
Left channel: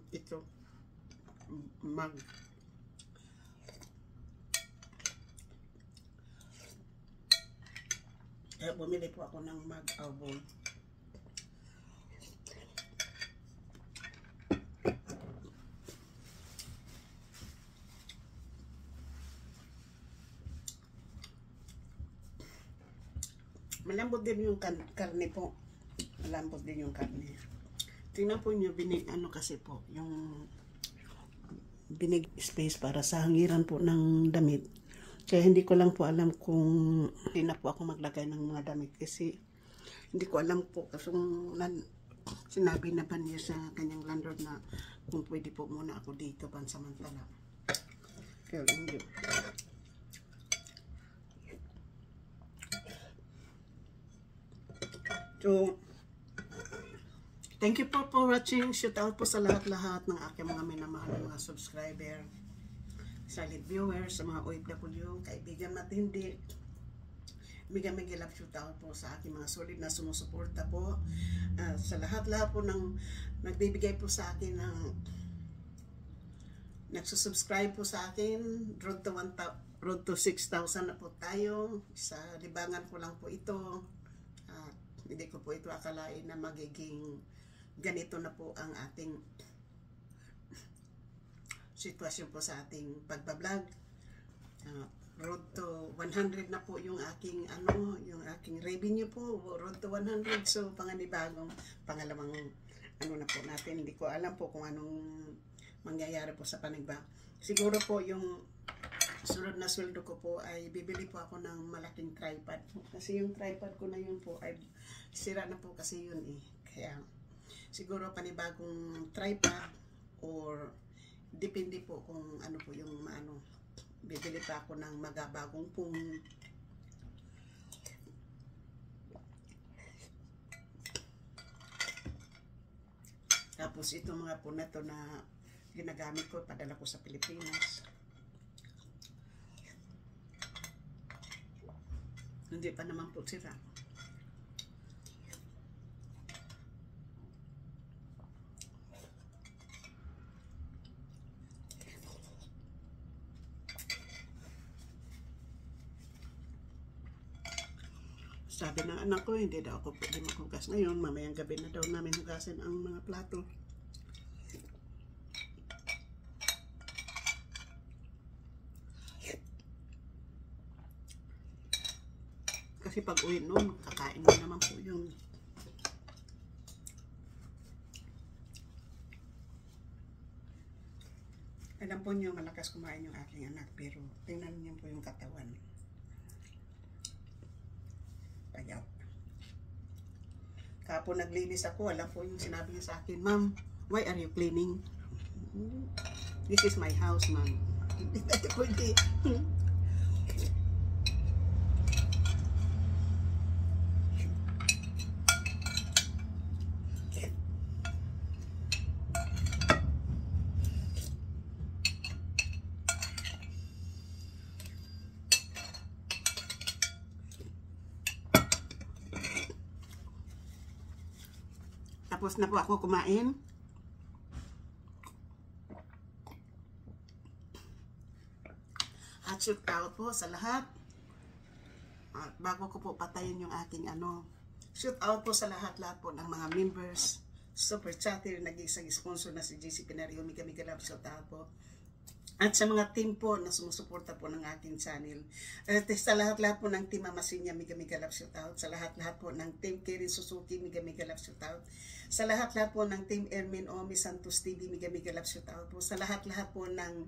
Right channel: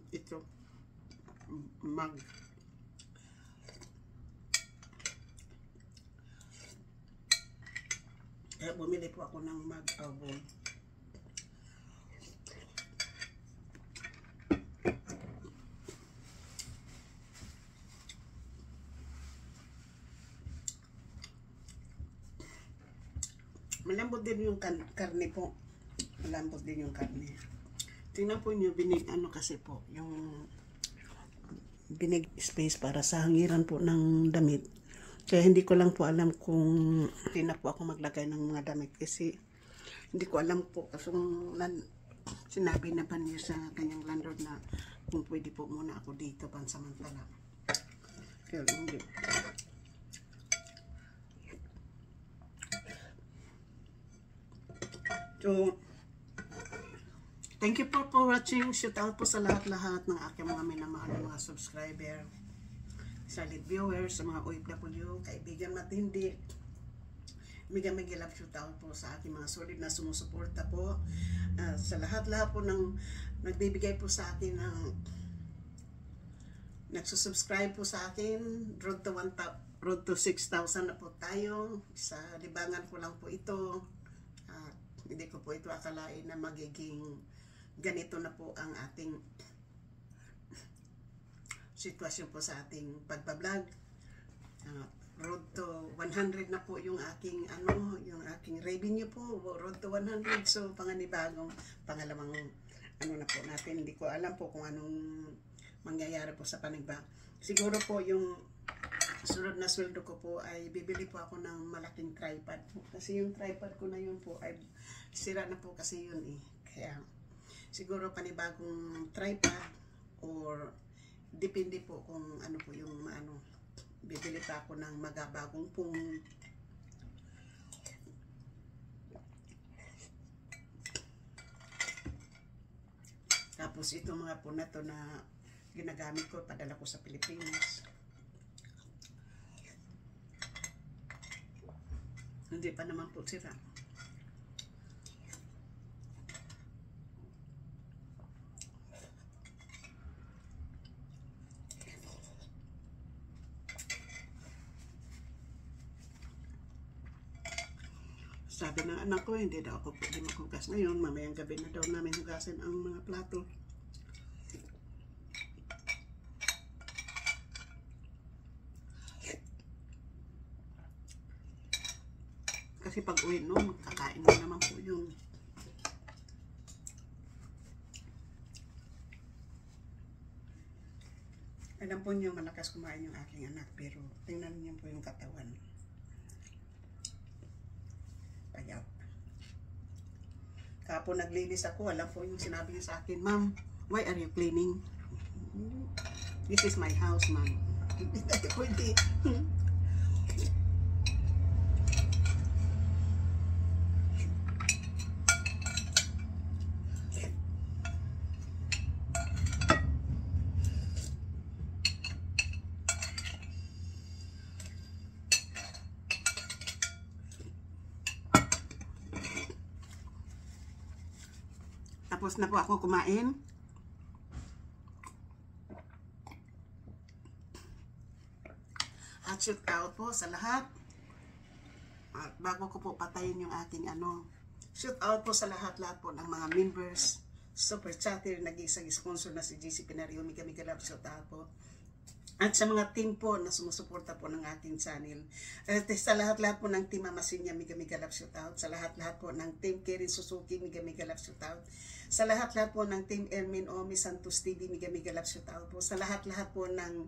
ito, mug. Kaya bumili po ako ng mug o bowl. Malambot din yung karne po. Malambot din yung karne. Tingnan po nyo, ano kasi po, yung binig space para sa hangiran po ng damit. Kaya hindi ko lang po alam kung hindi na po ako maglagay ng mga damit kasi hindi ko alam po kasi sinabi na ba niya sa kanyang landlord na kung pwede po muna ako dito pansamantala. Kaya hindi. So, thank you po for watching. Shout out po sa lahat-lahat ng aking mga minamahal na mga subscriber. Solid viewers, sa mga OFW, kaibigan matindi. Mega love shout out po sa aking mga solid na sumusuporta po. Sa lahat-lahat po ng nagbibigay po sa akin ng nagsusubscribe po sa akin. Road to 6,000 na po tayo. Sa libangan ko lang po ito. Hindi ko po ito akalain na magiging ganito na po ang ating sitwasyon po sa ating pagbablog. Road to 100 na po yung aking yung aking revenue po, road to 100. So pangalawang na po natin. Hindi ko alam po kung anong mangyayari po sa panigba. Siguro po yung sunod na sweldo ko po ay bibili po ako ng malaking tripod. Kasi yung tripod ko na yun po ay sira na po kasi yun eh. Kaya siguro panibagong tripod or depende po kung ano po yung bibili pa ako ng magabagong pong tapos ito mga po na to na ginagamit ko, padala ko sa Pilipinas. Hindi pa naman po sira. Sabi ng anak ko, hindi daw ako pwede maghugas ngayon. Mamayang gabi na daw namin hugasin ang mga plato. Kasi pag uwi noon, kakain mo naman po yun. Alam po niyo, malakas kumain yung aking anak. Pero tingnan niyo po yung katawan. Payat. Kapon naglinis ako, alam po yung sinabi niya sa akin, "Ma'am, why are you cleaning?" "This is my house, ma'am." Hindi tayo pwede. Tapos na po ako kumain. At shoot out po sa lahat. At bago ko po patayin yung aking shoot out po sa lahat po ng mga members, super chatter, nag-isang sponsor na si JC Pinario, Mega Love, shout out po. At sa mga team po na sumusuporta po ng ating channel. At sa lahat po ng team Amasinya, Mega Love, shout out. Sa lahat po ng team Kirin Suzuki, Mega Love, shout out. Sa lahat po ng team Ermin Omi Santos TV, Mega Love, shout out po. Sa lahat po ng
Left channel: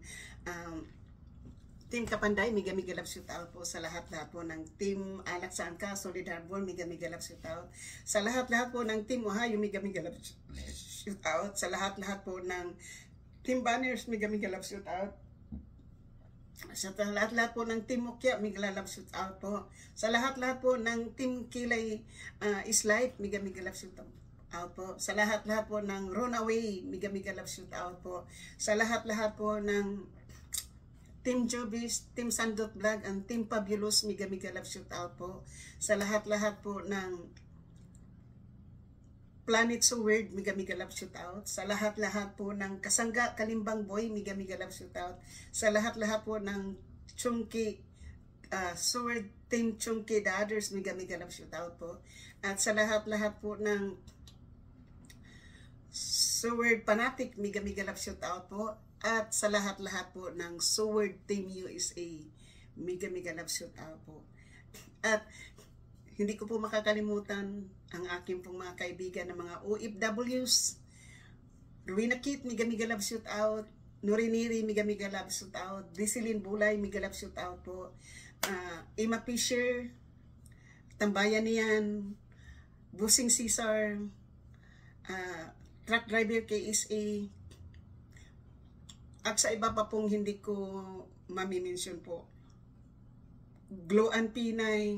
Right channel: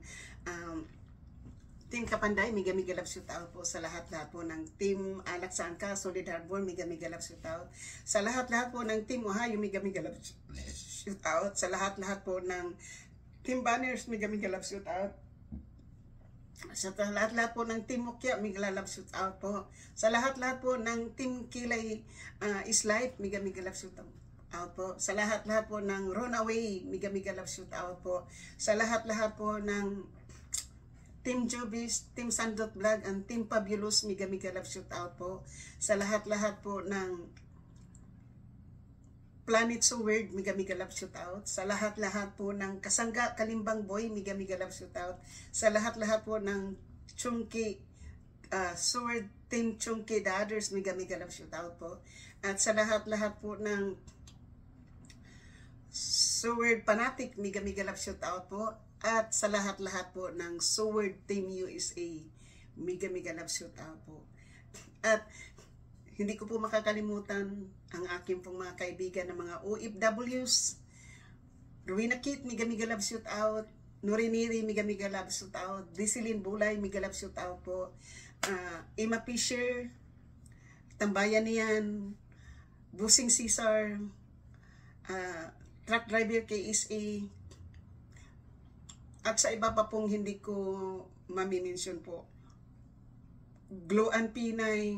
Team Kapanday, Mega Love, shout out po. Sa lahat po ng Team Alak Sangka, Solid Harbor, Mega Love, shout out. Sa lahat po ng Team Ohio, Mega Love, shout out. Sa lahat po ng Team Banners, Mega Love, shout out. Sa lahat po ng Team Mukya, Mega Love, shout out po. Sa lahat po ng Team Kilay is Life, Mega Love, shout out po. Sa lahat po ng Runaway, Mega Love, shout out po. Sa lahat po ng Team Jobis, Team Sandot Vlog, and Team Fabulous, Mega Love, shout out po. Sa lahat po ng Planet So Weird, Mega Love, shout out. Sa lahat po ng Kasangga Kalimbang Boy, Mega Love, shout out. Sa lahat po ng Chunky Sword Team Chunky The Others, Mega Love, shout out po. At sa lahat po ng Sword Fanatic, Mega Love, shout out po. At sa lahat po ng Sword Team USA, Mega Love, shout out po. At hindi ko po makakalimutan ang aking pong mga kaibigan ng mga OFWs. Rowena Kit, Mega Love, shout out. Noriniri, Mega Love, shout out. Disilin Bulay, Mega Love, shout out po. Emma Fisher, Tambayan niyan, Busing Cesar, Truck Driver KSA, at sa iba pa pong hindi ko mamimension po. Gloan Pinay,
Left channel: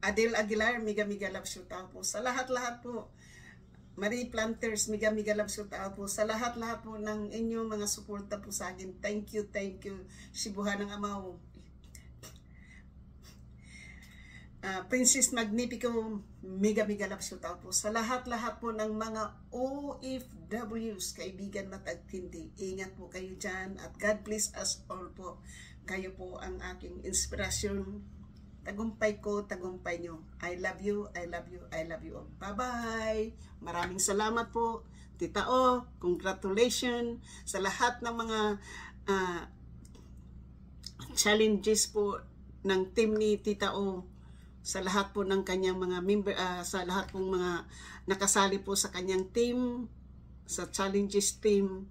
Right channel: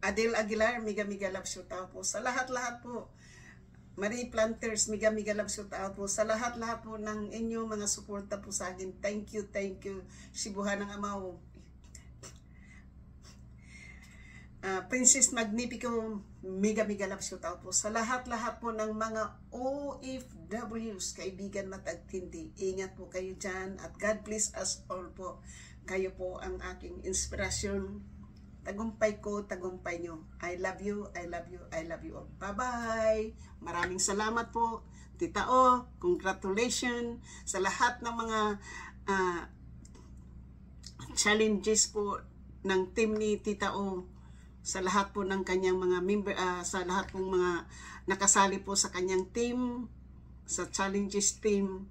Adel Aguilar, Mega Love, shout out po. Sa lahat po. Marie Planters, Mega Love, shout out po. Sa lahat po ng inyong mga suporta po sa akin. Thank you. Sibuhan ng Amaw. Princess Magnifico, Mega Love, shout out po. Sa lahat po ng mga OFWs, kaibigan matagtindi. Ingat po kayo dyan at God bless us all po. Kayo po ang aking inspirasyon. Tagumpay ko, tagumpay nyo. I love you all. Bye-bye. Maraming salamat po. Tita O, congratulations sa lahat ng mga challenges po ng team ni Tita O. Sa lahat po ng kanyang mga member, sa lahat pong mga nakasali po sa kanyang team, sa challenges team.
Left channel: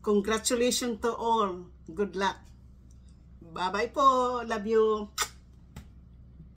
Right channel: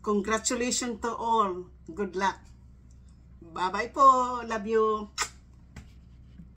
Congratulations to all. Good luck. Bye-bye po. Love you.